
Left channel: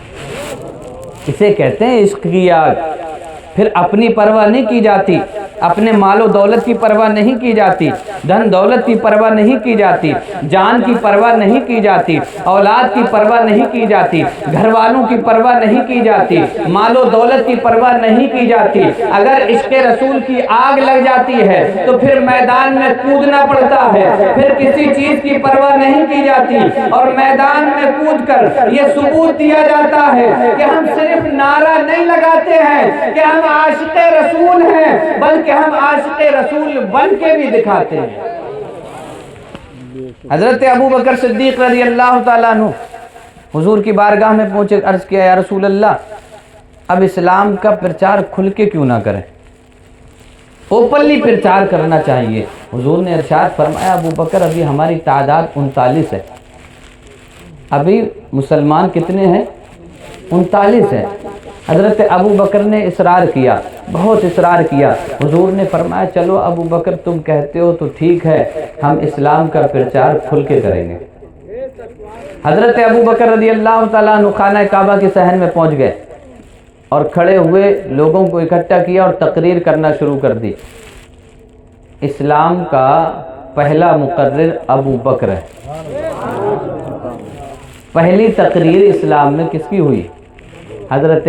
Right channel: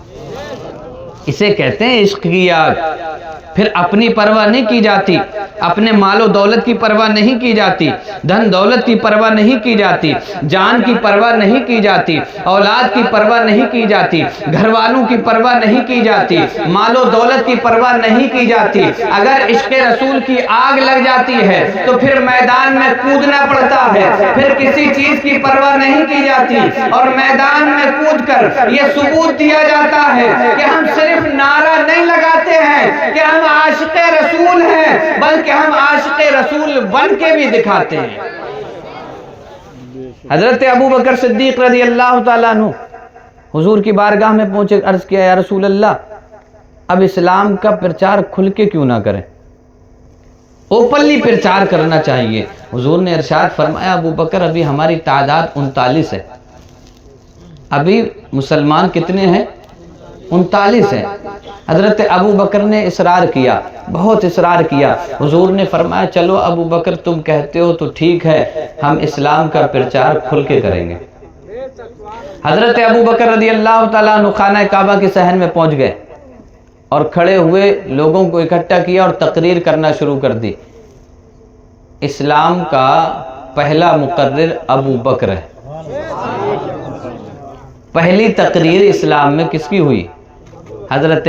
اسے کہتے ہیں عشق کی آگ۔ پھر اپنی پرواہ نہیں کی جاتی، اپنے مال و دولت کی پرواہ نہیں کی جاتی، دھن دولت کی پرواہ نہیں کی جاتی، جان کی پرواہ نہیں کی جاتی، اولاد کی پرواہ نہیں کی جاتی، گھر والوں کی پرواہ نہیں کی جاتی، مال و دولت کی پرواہ نہیں کی جاتی۔ اگر عشق رسول کی آگ لگ جاتی ہے تو پھر میدان میں کودنا پڑتا ہے، پھر کسی چیز کی پرواہ نہیں کی جاتی اور میدان میں کود کر یہ ثبوت دیا جاتا ہے کہ ہم صرف نعرہ نہیں لگاتے ہیں کہ ہم عاشق رسول ہیں، بلکہ ہم عاشق رسول بن کے بھی دکھاتے ہیں۔ حضرت ابو بکر صدیق رضی اللہ تعالیٰ عنہ حضور کی بارگاہ میں پہنچے، عرض کیا یا رسول اللہ اب اسلام کا پرچار کھل کے کیوں نہ کریں، اوپنلی پرچار کرنا چاہیے۔ حضور نے ارشاد فرمایا ابو بکر ابھی ہماری تعداد 39 ہے۔ ابھی مسلمان کتنے ہیں؟ 39 ہیں۔ حضرت ابو بکر نے اصرار کیا، بہت اصرار کیا۔ حضور نے فرمایا چلو ابو بکر تم کہتے ہو تو ٹھیک ہے، ہم اسلام کا پرچار کھل کے کریں گے۔ حضرت ابو بکر رضی اللہ تعالیٰ عنہ خانہ کعبہ کے صحن میں پہنچ گئے اور کھڑے ہوئے لوگوں کو اکٹھا کیا اور تقریر کرنا شروع کر دی۔ اسلام کا پہلا مقرر ابو بکر ہے۔ پہلی تقریر اسلام میں کس کی ہوئی؟ حضرت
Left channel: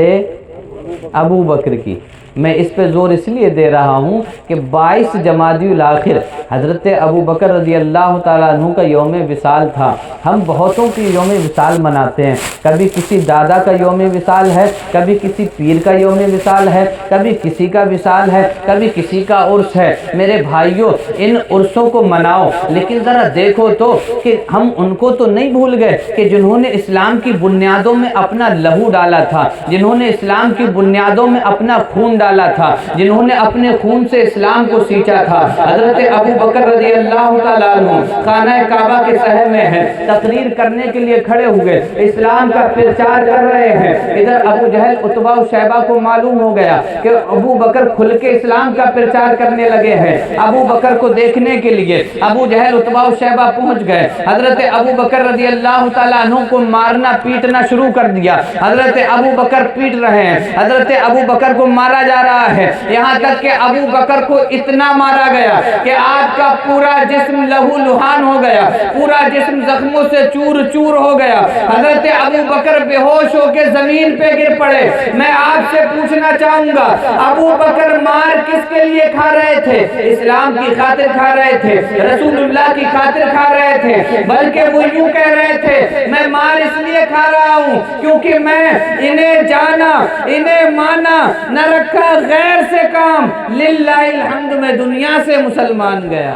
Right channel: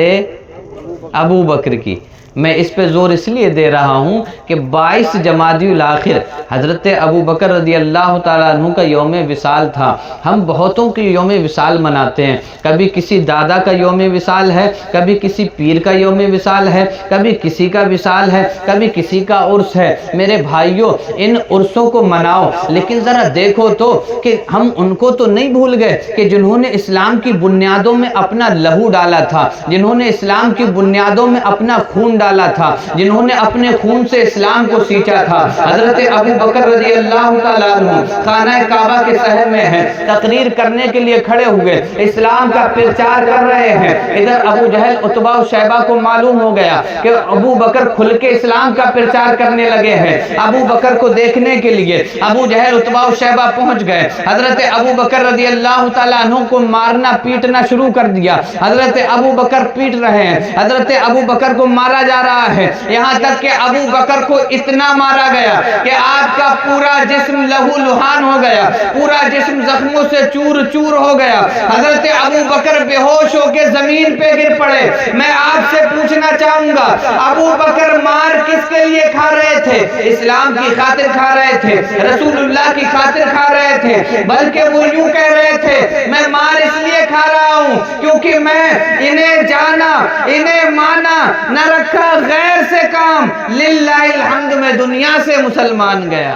ابو بکر کی۔ میں اس پہ زور اس لیے دے رہا ہوں کہ 22 جمادی الاخر حضرت ابو بکر رضی اللہ تعالیٰ عنہ کا یوم وصال تھا۔ ہم بہتوں کی یوم وصال مناتے ہیں، کبھی کسی دادا کا یوم وصال ہے، کبھی کسی پیر کا یوم وصال ہے، کبھی کسی کا وصال ہے، کبھی کسی کا عرس ہے۔ میرے بھائیوں، ان عرسوں کو مناؤ، لیکن ذرا دیکھو تو کہ ہم ان کو تو نہیں بھول گئے کہ جنہوں نے اسلام کی بنیادوں میں اپنا لہو ڈالا تھا، جنہوں نے اسلام کی بنیادوں میں اپنا خون ڈالا تھا، جنہوں نے اپنے خون سے اسلام کو سینچا تھا۔ حضرت ابو بکر رضی اللہ تعالیٰ عنہ خانہ کعبہ کے صحن میں ہیں، تقریر کرنے کے لیے کھڑے ہوئے، اسلام کا پرچار کر رہے ہیں۔ ادھر ابو جہل عتبہ و شیبہ کو معلوم ہو گیا کہ ابو بکر کھل کے اسلام کا پرچار کرنے لگے ہیں۔ ابو بکر کو دیکھنے کے لیے ابو جہل عتبہ و شیبہ پہنچ گئے۔ حضرت ابو بکر رضی اللہ تعالیٰ عنہ کو مارنا پیٹنا شروع کر دیا۔ حضرت ابو بکر پیٹ رہے ہیں، حضرت ابو بکر کو مارا جا رہا ہے، یہاں تک کہ ابو بکر کو اتنا مارا گیا کہ آپ کا پورا جسم لہو لہان ہو گیا، پورا جسم زخموں سے چور چور ہو گیا۔ حضرت ابو بکر بے ہوش ہو کے زمین پہ گر پڑے۔ میں آپ سے پوچھنا چاہوں گا، ابو بکر مار کس کے لیے کھا رہے تھے؟ اسلام کی خاطر کھا رہے تھے، رسول اللہ کی خاطر کھا رہے تھے، بلکہ وہ یوں کہہ رہے تھے میں مار اس لیے کھا رہا ہوں کیونکہ میں انہیں جانا انہیں مانا نہ رکھا غیر سے کام، للہ الحمد میں دنیا سے مسلمان گیا۔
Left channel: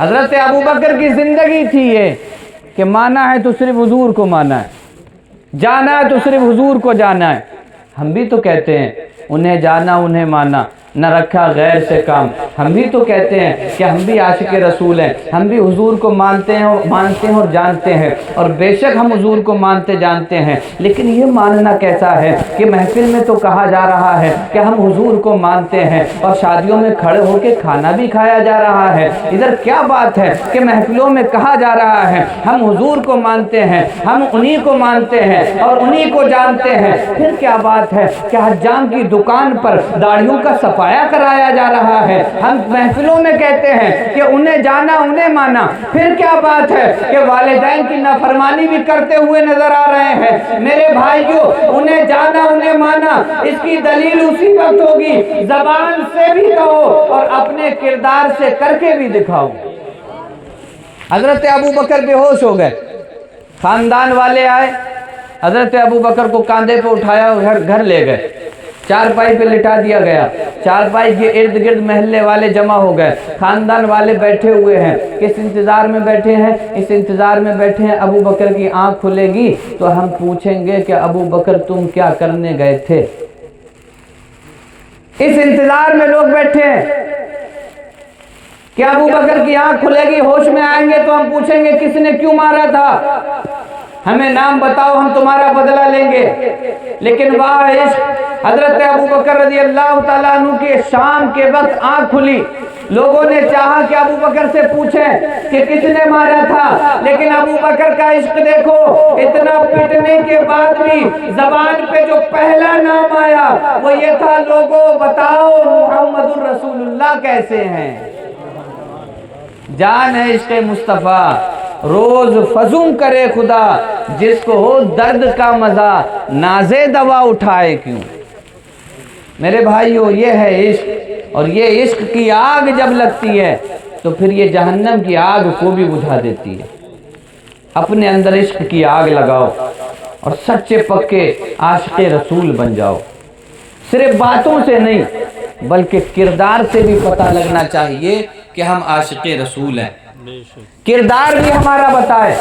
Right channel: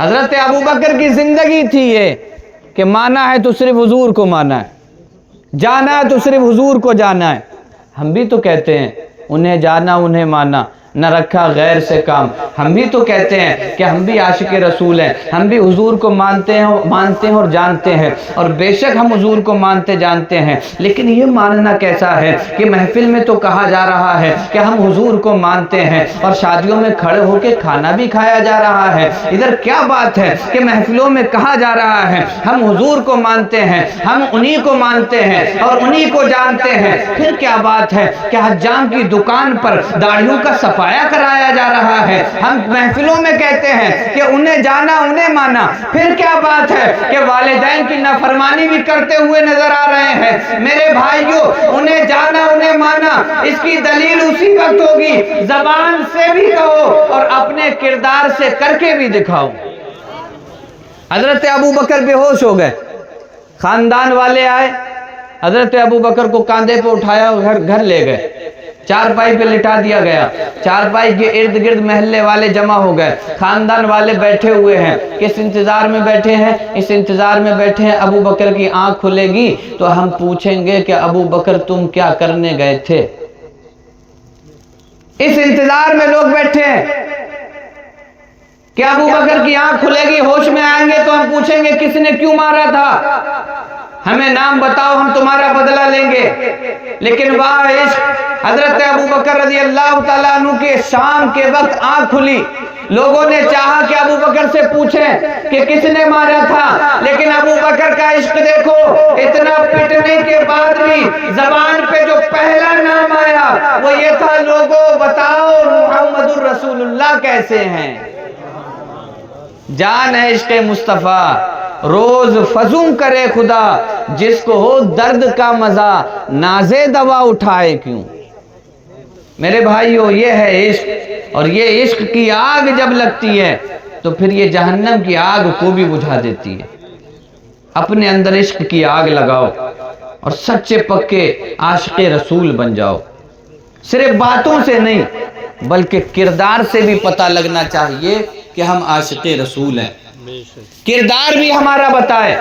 حضرت ابو بکر کی زندگی تھی یہ کہ مانا ہے تو صرف حضور کو مانا ہے، جانا ہے تو صرف حضور کو جانا ہے۔ ہم بھی تو کہتے ہیں انہیں جانا انہیں مانا نہ رکھا غیر سے کام۔ ہم بھی تو کہتے ہیں کہ ہم بھی عاشق رسول ہیں، ہم بھی حضور کو مانتے ہیں اور جانتے ہیں، اور بے شک ہم حضور کو مانتے جانتے ہیں، لیکن یہ ماننا کیسا ہے کہ محفل میں تو کہا جا رہا ہے کہ ہم حضور کو مانتے ہیں اور شادیوں میں کھڑے ہو کے کھانا بھی کھایا جا رہا ہے۔ ادھر کیا بات ہے کہ محفلوں میں کہا جا رہا ہے ہم حضور کو مانتے ہیں، ہم انہی کو مانتے ہیں اور انہی کو جانتے ہیں، پھر کیا بات ہے کہ حجام کی دکان پر داڑھیوں کا صفایا کرایا جا رہا ہے؟ ہم محفلوں میں کہتے ہیں کہ انہیں جانا انہیں مانا، پھر کیا بات ہے کہ والدین کی نافرمانی بھی کرتے ہوئے نظر آ رہے ہیں؟ میرے بھائیوں، انہیں جانا انہیں مانا، اس کی دلیل اسی وقت ہوگی زبان سے بھی کہو اور اپنے کردار سے کر کے بھی دکھاؤ۔ حضرت ابو بکر بے ہوش ہو گئے، خاندان والے آئے، حضرت ابو بکر کو کاندھے پہ اٹھایا گھر لے گئے، چارپائی پہ لٹا دیا گیا، چارپائی کے ارد گرد محلے والے جمع ہو گئے، خاندان والے بیٹھے ہوئے ہیں۔ کس انتظار میں بیٹھے ہیں؟ اس انتظار میں بیٹھے ہیں ابو بکر کی آنکھ کھلے گی تو ہم پوچھیں گے کہ ابو بکر تم کیا کرنے گئے تھے؟ اس انتظار میں لوگ بیٹھے ہیں کہ ابو بکر کی آنکھ کھلے گی، ہوش میں آئیں گے تو ہم پوچھیں گے کس نے کیوں مارا تھا، ہمیں نام بتاؤ ہم تمہارا بدلہ لیں گے۔ لیکن واہ عشق، حضرت ابو بکر رضی اللہ تعالیٰ عنہ کے شام کے وقت آنکھ کھلی، لوگوں نے چاہا کہ ابو بکر سے پوچھیں کہ کس نے مارا تھا، لیکن ابو بکر کا عشق دیکھو، اتنا پٹنے کے بعد بھی زبان پہ جو پہلا نام آیا وہ یہ تھا لوگوں بتاؤ محمد الرسول اللہ کیسے ہیں۔ جان ہے عشق مصطفیٰ، روز فزوں کرے خدا، جس کو ہو درد کا مزہ نازے دوا اٹھائے کیوں۔ میرے بھائیو، یہ ہے عشق، اور یہ عشق کی آگ جب لگتی ہے تو پھر یہ جہنم کی آگ کو بھی بجھا دیتی ہے۔ اپنے اندر عشق کی آگ لگاؤ اور سچے پکے عاشق رسول بن جاؤ۔ صرف باتوں سے نہیں بلکہ کردار سے بھی پتہ لگنا چاہیے کہ ہم عاشق رسول ہیں۔ کردار بھی ہمارا بتائے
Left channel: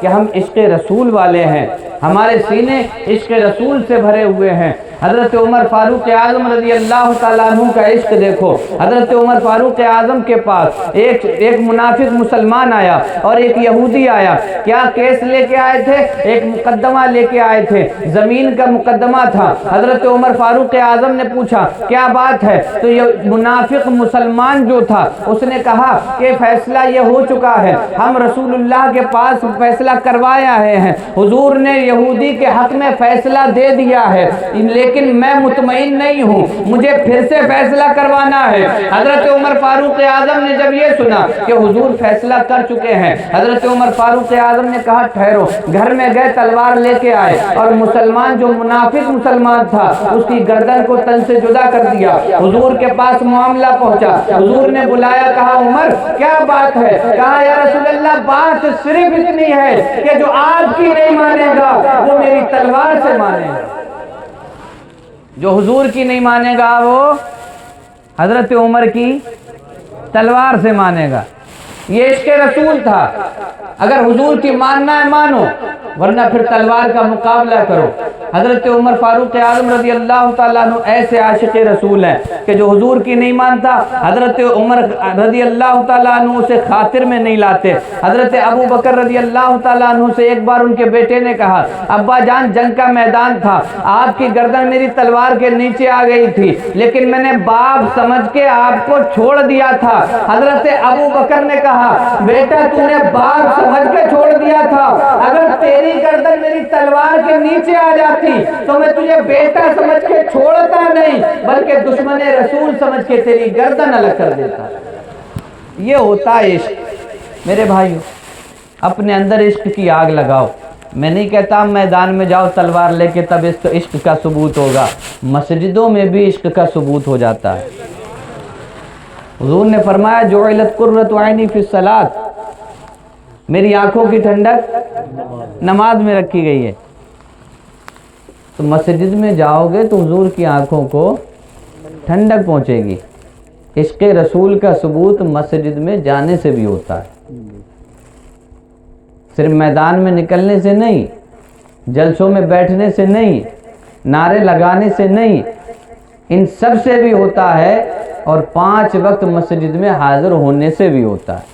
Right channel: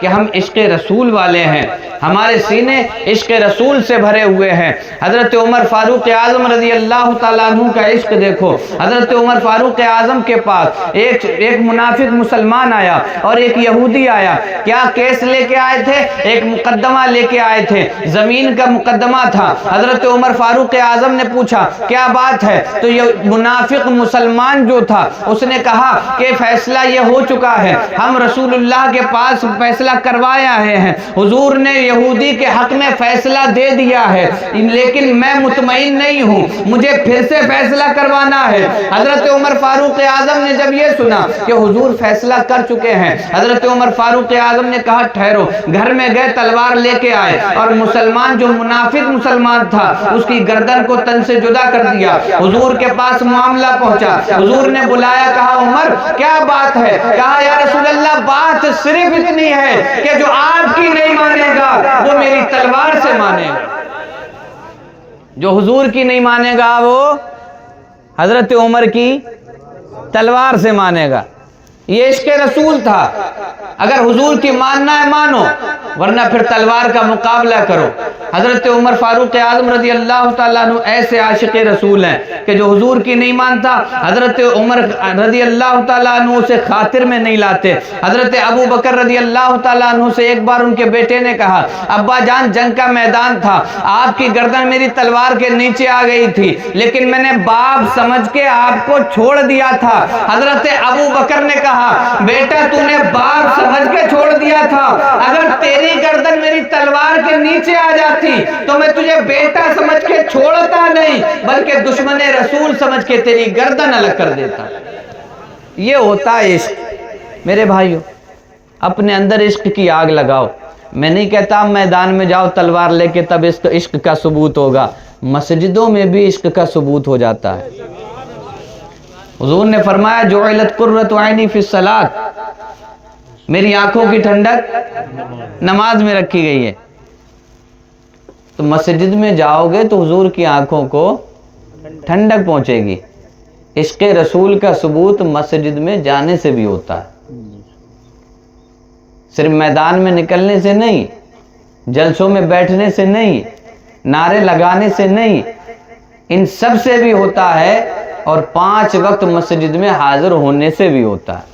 کہ ہم عشق رسول والے ہیں، ہمارے سینے عشق رسول سے بھرے ہوئے ہیں۔ حضرت عمر فاروق اعظم رضی اللہ تعالیٰ عنہ کا عشق دیکھو۔ حضرت عمر فاروق اعظم کے پاس ایک منافق مسلمان آیا اور ایک یہودی آیا۔ کیا کیس لے کے آئے تھے؟ ایک مقدمہ لے کے آئے تھے، زمین کا مقدمہ تھا۔ حضرت عمر فاروق اعظم نے پوچھا کیا بات ہے؟ تو یہ منافق مسلمان جو تھا اس نے کہا کہ فیصلہ یہ ہو چکا ہے، ہم رسول اللہ کے پاس فیصلہ فیصلہ کروایا ہے، حضور نے یہودی کے حق میں فیصلہ دے دیا ہے، لیکن میں مطمئن نہیں ہوں، مجھے پھر سے فیصلہ کروانا ہے۔ حضرت عمر فاروق اعظم نے جب یہ سنا کہ حضور فیصلہ کر چکے ہیں، حضرت عمر فاروق اعظم نے کہا ٹھہرو، گھر میں گئے تلوار لے کے آئے اور مسلمان جو منافق مسلمان تھا اس کی گردن کو تن سے جدا کر دیا۔ حضور کے پاس معاملہ پہنچا، حضور نے بلایا، کہا عمر کیا بات ہے؟ کہا یا رسول اللہ بات صرف اتنی ہے کہ جو آپ کی نہیں مانے گا وہ میری تلوار سے مانے گا۔ جو حضور کی نہیں مانے گا وہ حضرت عمر کی تلوار سے مانے گا۔ یہ عشق رسول تھا، اگر حضور کی ماننا ہے مانو، ورنہ پھر تلوار کا مقابلہ کرو۔ حضرت عمر فاروق اعظم رضی اللہ تعالیٰ عنہ ایسے عاشق رسول ہیں کہ جو حضور کی نہیں مانتا حضرت عمر رضی اللہ تعالیٰ عنہ سے خاطر میں نہیں لاتے۔ حضرت ابو بکر رضی اللہ تعالیٰ عنہ سے ایک بار ان کے بیٹے نے کہا ابا جان جنگ کا میدان تھا، آپ کی گردن میری تلوار کے نیچے آ گئی تھی، لیکن میں نے باپ سمجھ کے آپ کو چھوڑ دیا تھا۔ حضرت ابو بکر نے کہا بیٹا تو نے باپ سمجھ کے چھوڑ دیا تھا، اگر تیری گردن میری تلوار کے نیچے آ جاتی تو میں تجھے بیٹا سمجھ کے چھوڑتا نہیں بلکہ دشمن رسول سمجھ کے تیری گردن الگ کر دیتا۔ یہ ہوتا ہے عشق۔ میرے بھائیو اپنے اندر عشق کی آگ لگاؤ۔ میں نہیں کہتا میدان میں جاؤ تلوار لے کے تب عشق کا ثبوت ہوگا، مسجدوں میں بھی عشق کا ثبوت ہو جاتا ہے۔ حضور نے فرمایا جعلت قرۃ عینی فی الصلاۃ، میری آنکھوں کی ٹھنڈک نماز میں رکھی گئی ہے۔ تو مسجد میں جاؤ گے تو حضور کی آنکھوں کو ٹھنڈک پہنچے گی۔ عشق رسول کا ثبوت مسجد میں جانے سے بھی ہوتا ہے، صرف میدان میں نکلنے سے نہیں، جلسوں میں بیٹھنے سے نہیں، نعرے لگانے سے نہیں، ان سب سے بھی ہوتا ہے، اور 5 وقت مسجد میں حاضر ہونے سے بھی ہوتا ہے۔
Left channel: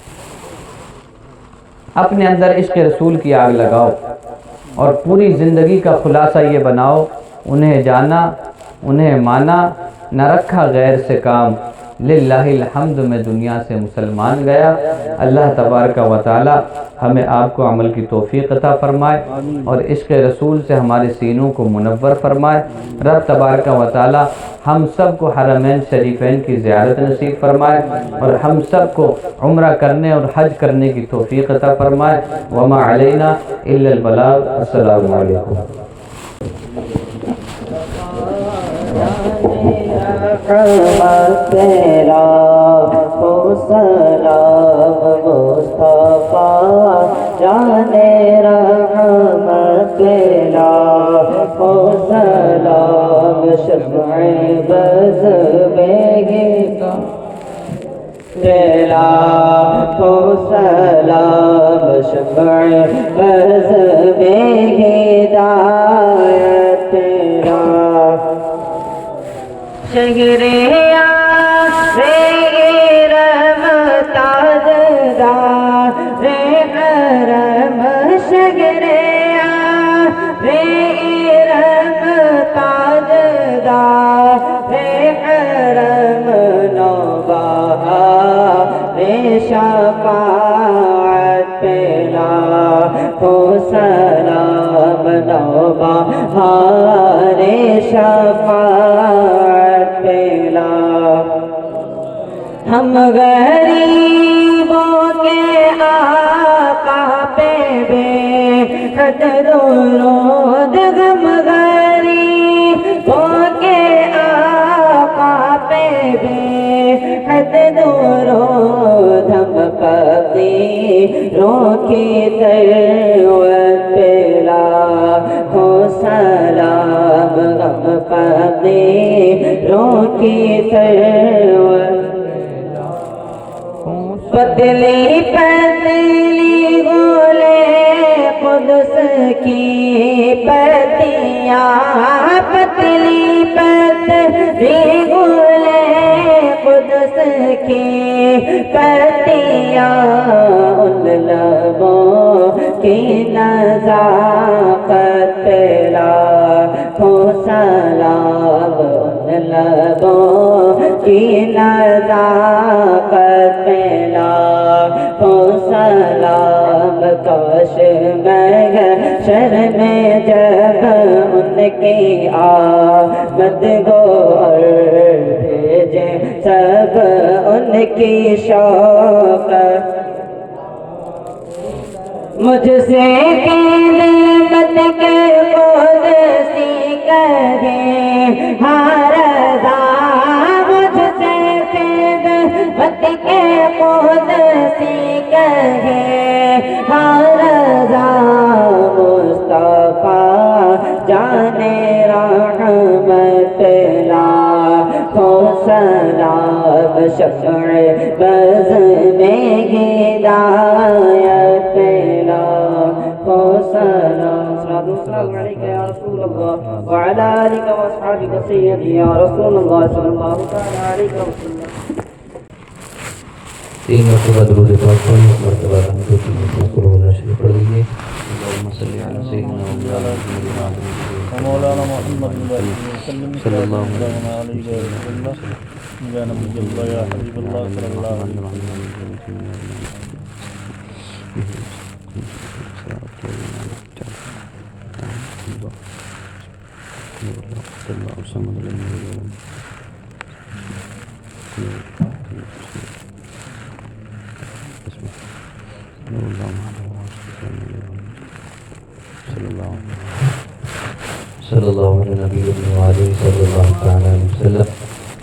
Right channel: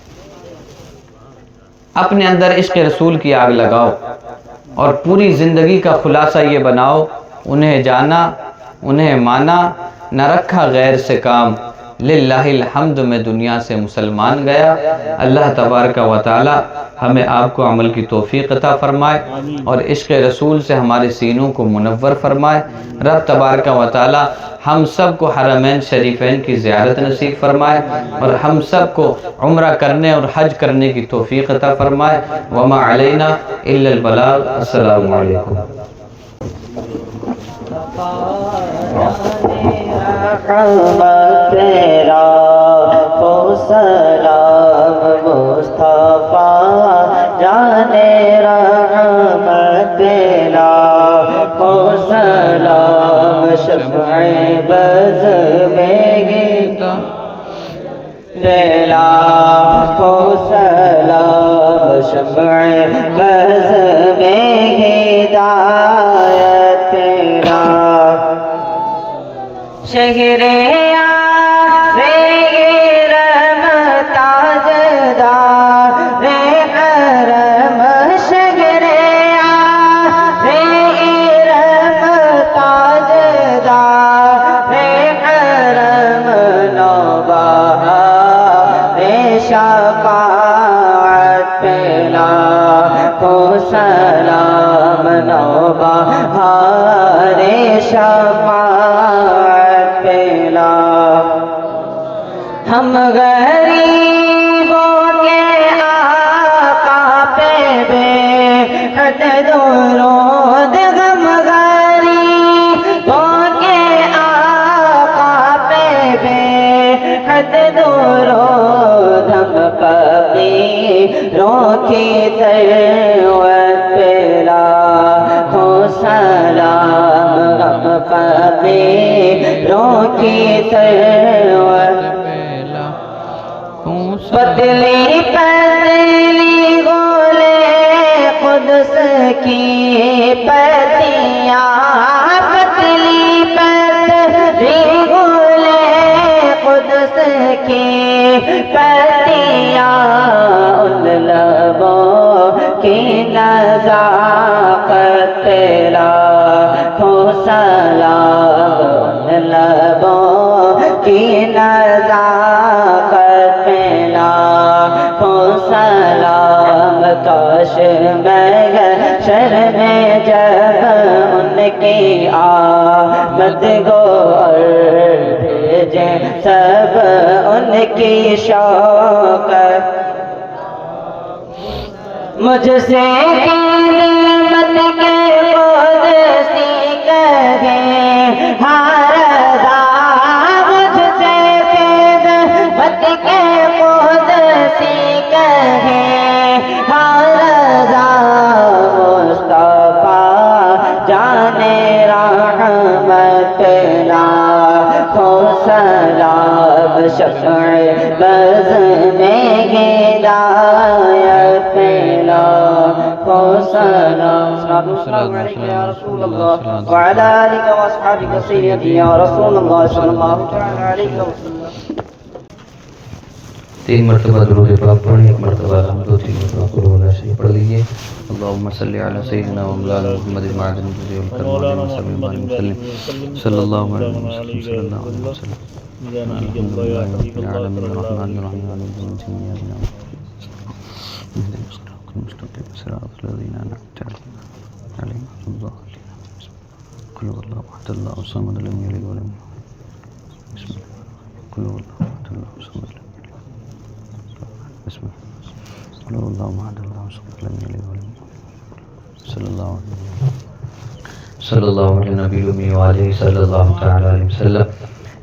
اپنے اندر عشق رسول کی آگ لگاؤ اور پوری زندگی کا خلاصہ یہ بناؤ انہیں جانا، انہیں مانا، نہ رکھا غیر سے کام، للہ الحمد میں دنیا سے مسلمان گیا۔ اللہ تبارک و تعالی ہمیں آپ کو عمل کی توفیق عطا فرمائے اور عشق رسول سے ہمارے سینوں کو منور فرمائے۔ رب تبارک و تعالی ہم سب کو حرمین شریفین کی زیارت نصیب فرمائے اور ہم سب کو عمرہ کرنے اور حج کرنے کی توفیق عطا فرمائے۔ وما علینا الا البلاغ۔ السلام علیکم۔ تیرا ہو سلام مصطفیٰ جانے رحمت تیرا ہو سلام شفع بز میں گیت تیرا ہو سلام شفع بز میں ہدایت تیرا شہر شفاعت پلا ہو سلام نوبہار شفاعت پلا ہم غریبوں کے آقا پہ بے حد درود غم غریبوں کے آقا پہ بے حد درود ہم فقیروں کی تلوت پلا ہو سلام ہم فقیروں کی تلوت پتلی پتلی گولے قدس کی پتیاں پتلی پتلی گولے قدس کی پتیاں ان لبوں کی نزاکت تیرا ہو سلام ان لبوں کی نزاکت ہو سلام کاش محشر میں جب ان کی آمد گو اور بھیجیں سب ان کی شوق مجھ سے خدمت کے قدسی کہے ہر رضا مجھ سے خدمت کے قدسی کہے ہر رضا مصطفیٰ جانے رحمت لاکھوں سلام شفع بز میں ہدایت لاکھوں سلام السلام علیکم یا رسول اللہ وعلی آلک و اصحابک سیدی یا رسول اللہ صلی اللہ علیہ وسلم 3 مرتبہ درود پاک پڑھیں، 1 مرتبہ الحمد و 3 مرتبہ قل هو اللہ شریف پڑھ لیجیے. اللہم صلی علی سیدنا مولانا محمد صلی اللہ علیہ وسلم یا نبی اللہ یا حبیب اللہ صلی اللہ علیہ صلی اللہ علیہ نبی وآلہ صلی اللہ تعالی علیہ وسلم.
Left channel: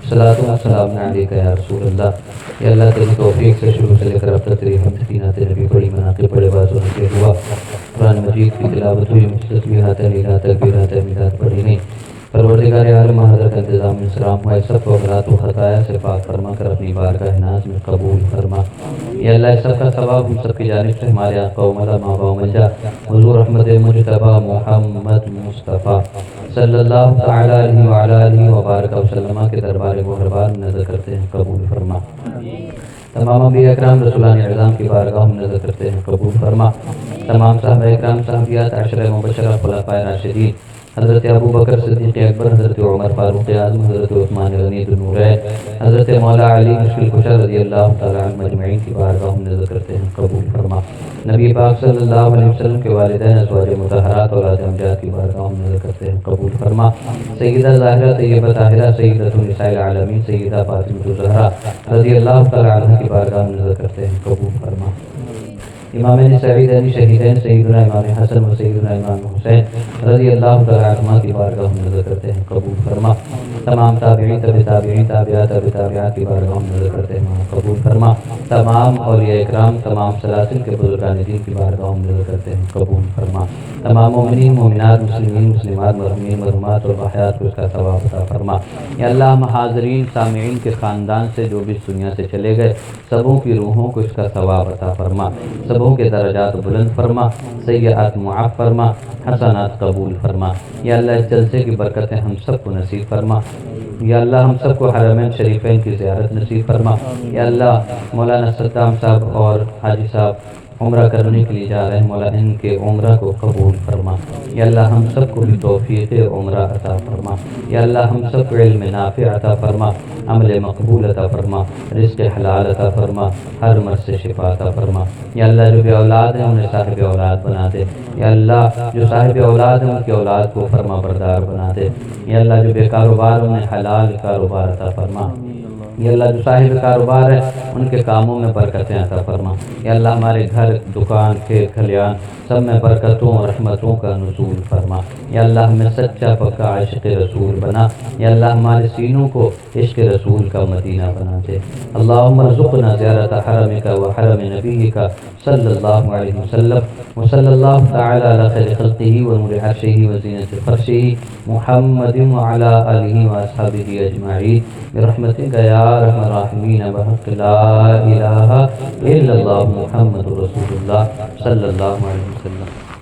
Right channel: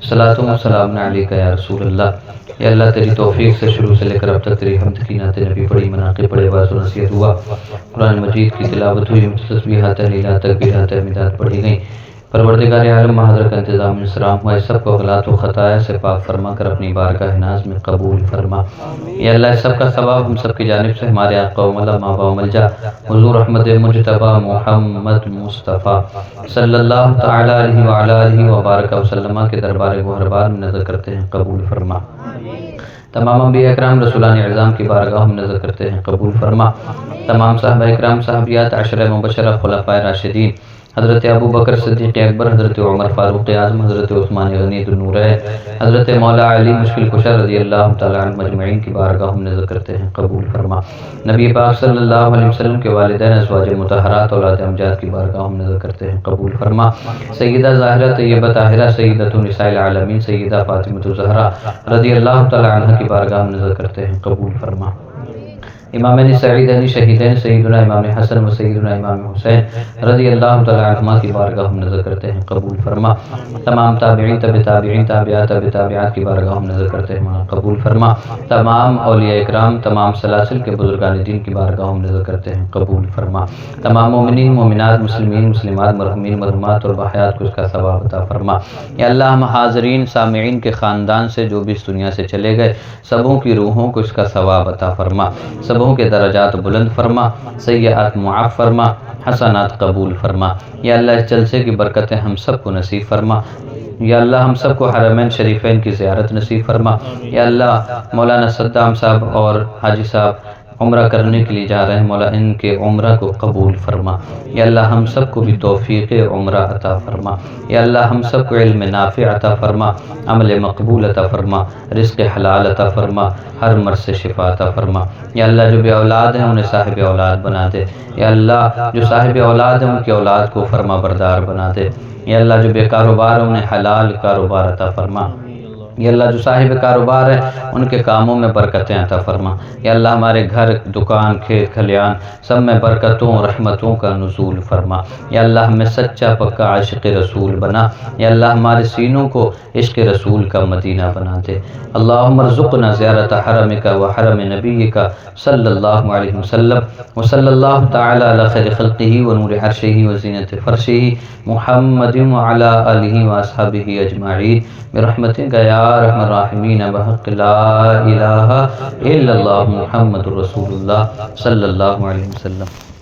صلاۃ و سلام علیک یا رسول اللہ. یا اللہ تیری توفیق سے شروع سے لے کر اب تک تیری حمد کی نعت نبی پڑھی، مناقب پڑھے، باز و نصیحت ہوا، قرآن مجید کی تلاوت ہوئی، تسبیحات تحلیلات تکبیرات تحمیدات پڑھی گئیں. پروردگار عالم حاضر کا انتظام انصراف ہوا، سب کو غلط و خطایا سے پاک فرما کر اپنی بارگاہ ناز میں قبول فرما. یا اللہ اس سب کا ثواب ہم سب کی جانب سے ہمارے آقا و مولا ماوا و ملجا حضور احمد مجتبی محمد مصطفیٰ صلی اللہ تعالی علیہ وعلی آلہ وبارک وسلم کے دربار مہربان میں نظر کرتے ہیں قبول فرما. تمام انبیاء اکرام رسولان اعظام کی بارگاہ میں نظر کرتے ہیں قبول فرما. تمام صحابہ اکرام صحابیات عشرہ مبشرہ خلفائے راشدین حضرت ابو بکر صدیق اکبر، حضرت عمر فاروق اعظم، حضرت عثمان غنی ذوالنورین، حضرت مولا علی مشکل کشا رضی اللہ تعالی عنہ مجمعین کی بارگاہ میں نظر کرتے ہیں قبول فرما. نبی پاک صلی اللہ علیہ وسلم کے والدین ازواج مطہرات اولاد امجاد کی بارگاہ میں نظر کرتے ہیں قبول فرما. سیدہ ظاہرہ طیبہ طاہرہ سیدۃ النساء العالمین سیدہ فاطمہ الزہرا رضی اللہ تعالی عنہ کی بارگاہ میں نظر کرتے ہیں قبول فرما. امام سعیدین شہیدین سیدنا امام حسن و سیدنا امام حسین رضی اللہ تعالی عنہما کی بارگاہ میں نظر کرتے ہیں قبول فرما. تمام تابعین تبع تابعین تابعات تبع تابعات کی بارگاہ میں نظر کرتے ہیں قبول فرما. تمام اولیاء اکرام تمام سلاسل کے بزرگان دین کی بارگاہ میں نظر کرتے ہیں قبول فرما. تمام مومنین مومنات مسلمین مسلمات مرحومین مرحومات اور بحیات کو اس کا ثواب عطا فرما. یا اللہ ہم حاضرین سامعین کے خاندان سے جو بھی اس دنیا سے چلے گئے سبوں کی روحوں کو اس کا ثواب عطا فرما، سبوں کے درجات بلند فرما، سیئات معاف فرما، حسنات قبول فرما. یا اللہ اس جلسے کی برکتیں ہم سب کو نصیب فرما. یا اللہ ہم سب کو حرمین شریفین کی زیارت نصیب فرما. یا اللہ مولانا صدام صاحب اور حاجی صاحب عمرہ کرنے کے لیے جا رہے ہیں، مولا ان کے عمرہ کو قبول فرما. یا اللہ ہم سب کو بھی توفیق عمرہ عطا فرما. یا اللہ ہم سب کو علم نافع عطا فرما، عمل مقبول عطا فرما، رزق حلال عطا فرما، ہر مرض سے شفا عطا فرما. یا اللہ جو بے اولاد ہیں انہیں صاحب اولاد بنا دے. یا اللہ جو صاحب اولاد ہیں ان کی اولاد کو فرما بردار بنا دے. یا اللہ جو بے کاروبار ہیں انہیں حلال کاروبار عطا فرما. یا اللہ جو صاحب کاروبار ہے ان کے کاموں میں برکتیں عطا فرما. یا اللہ ہمارے گھر دکان کھیت کھلیان سب میں برکتوں اور رحمتوں کا نزول فرما. یا اللہ ہمیں سچا پکا عاشق رسول بنا. یا اللہ ہمارے سینوں کو عشق رسول کا مدینہ بنا دے. اللہم ارزقنا زیارت حرمک و حرم نبیک صلی اللہ علیہ وسلم وصلی اللہ تعالی علی خیر خلقہ و نور عرشہ و زینت فرشہ محمد وعلی آلہ و اصحابہ اجمعین برحمتک یا ارحم الراحمین بحق لا الہ الا اللہ محمد رسول اللہ صلی اللہ علیہ وسلم.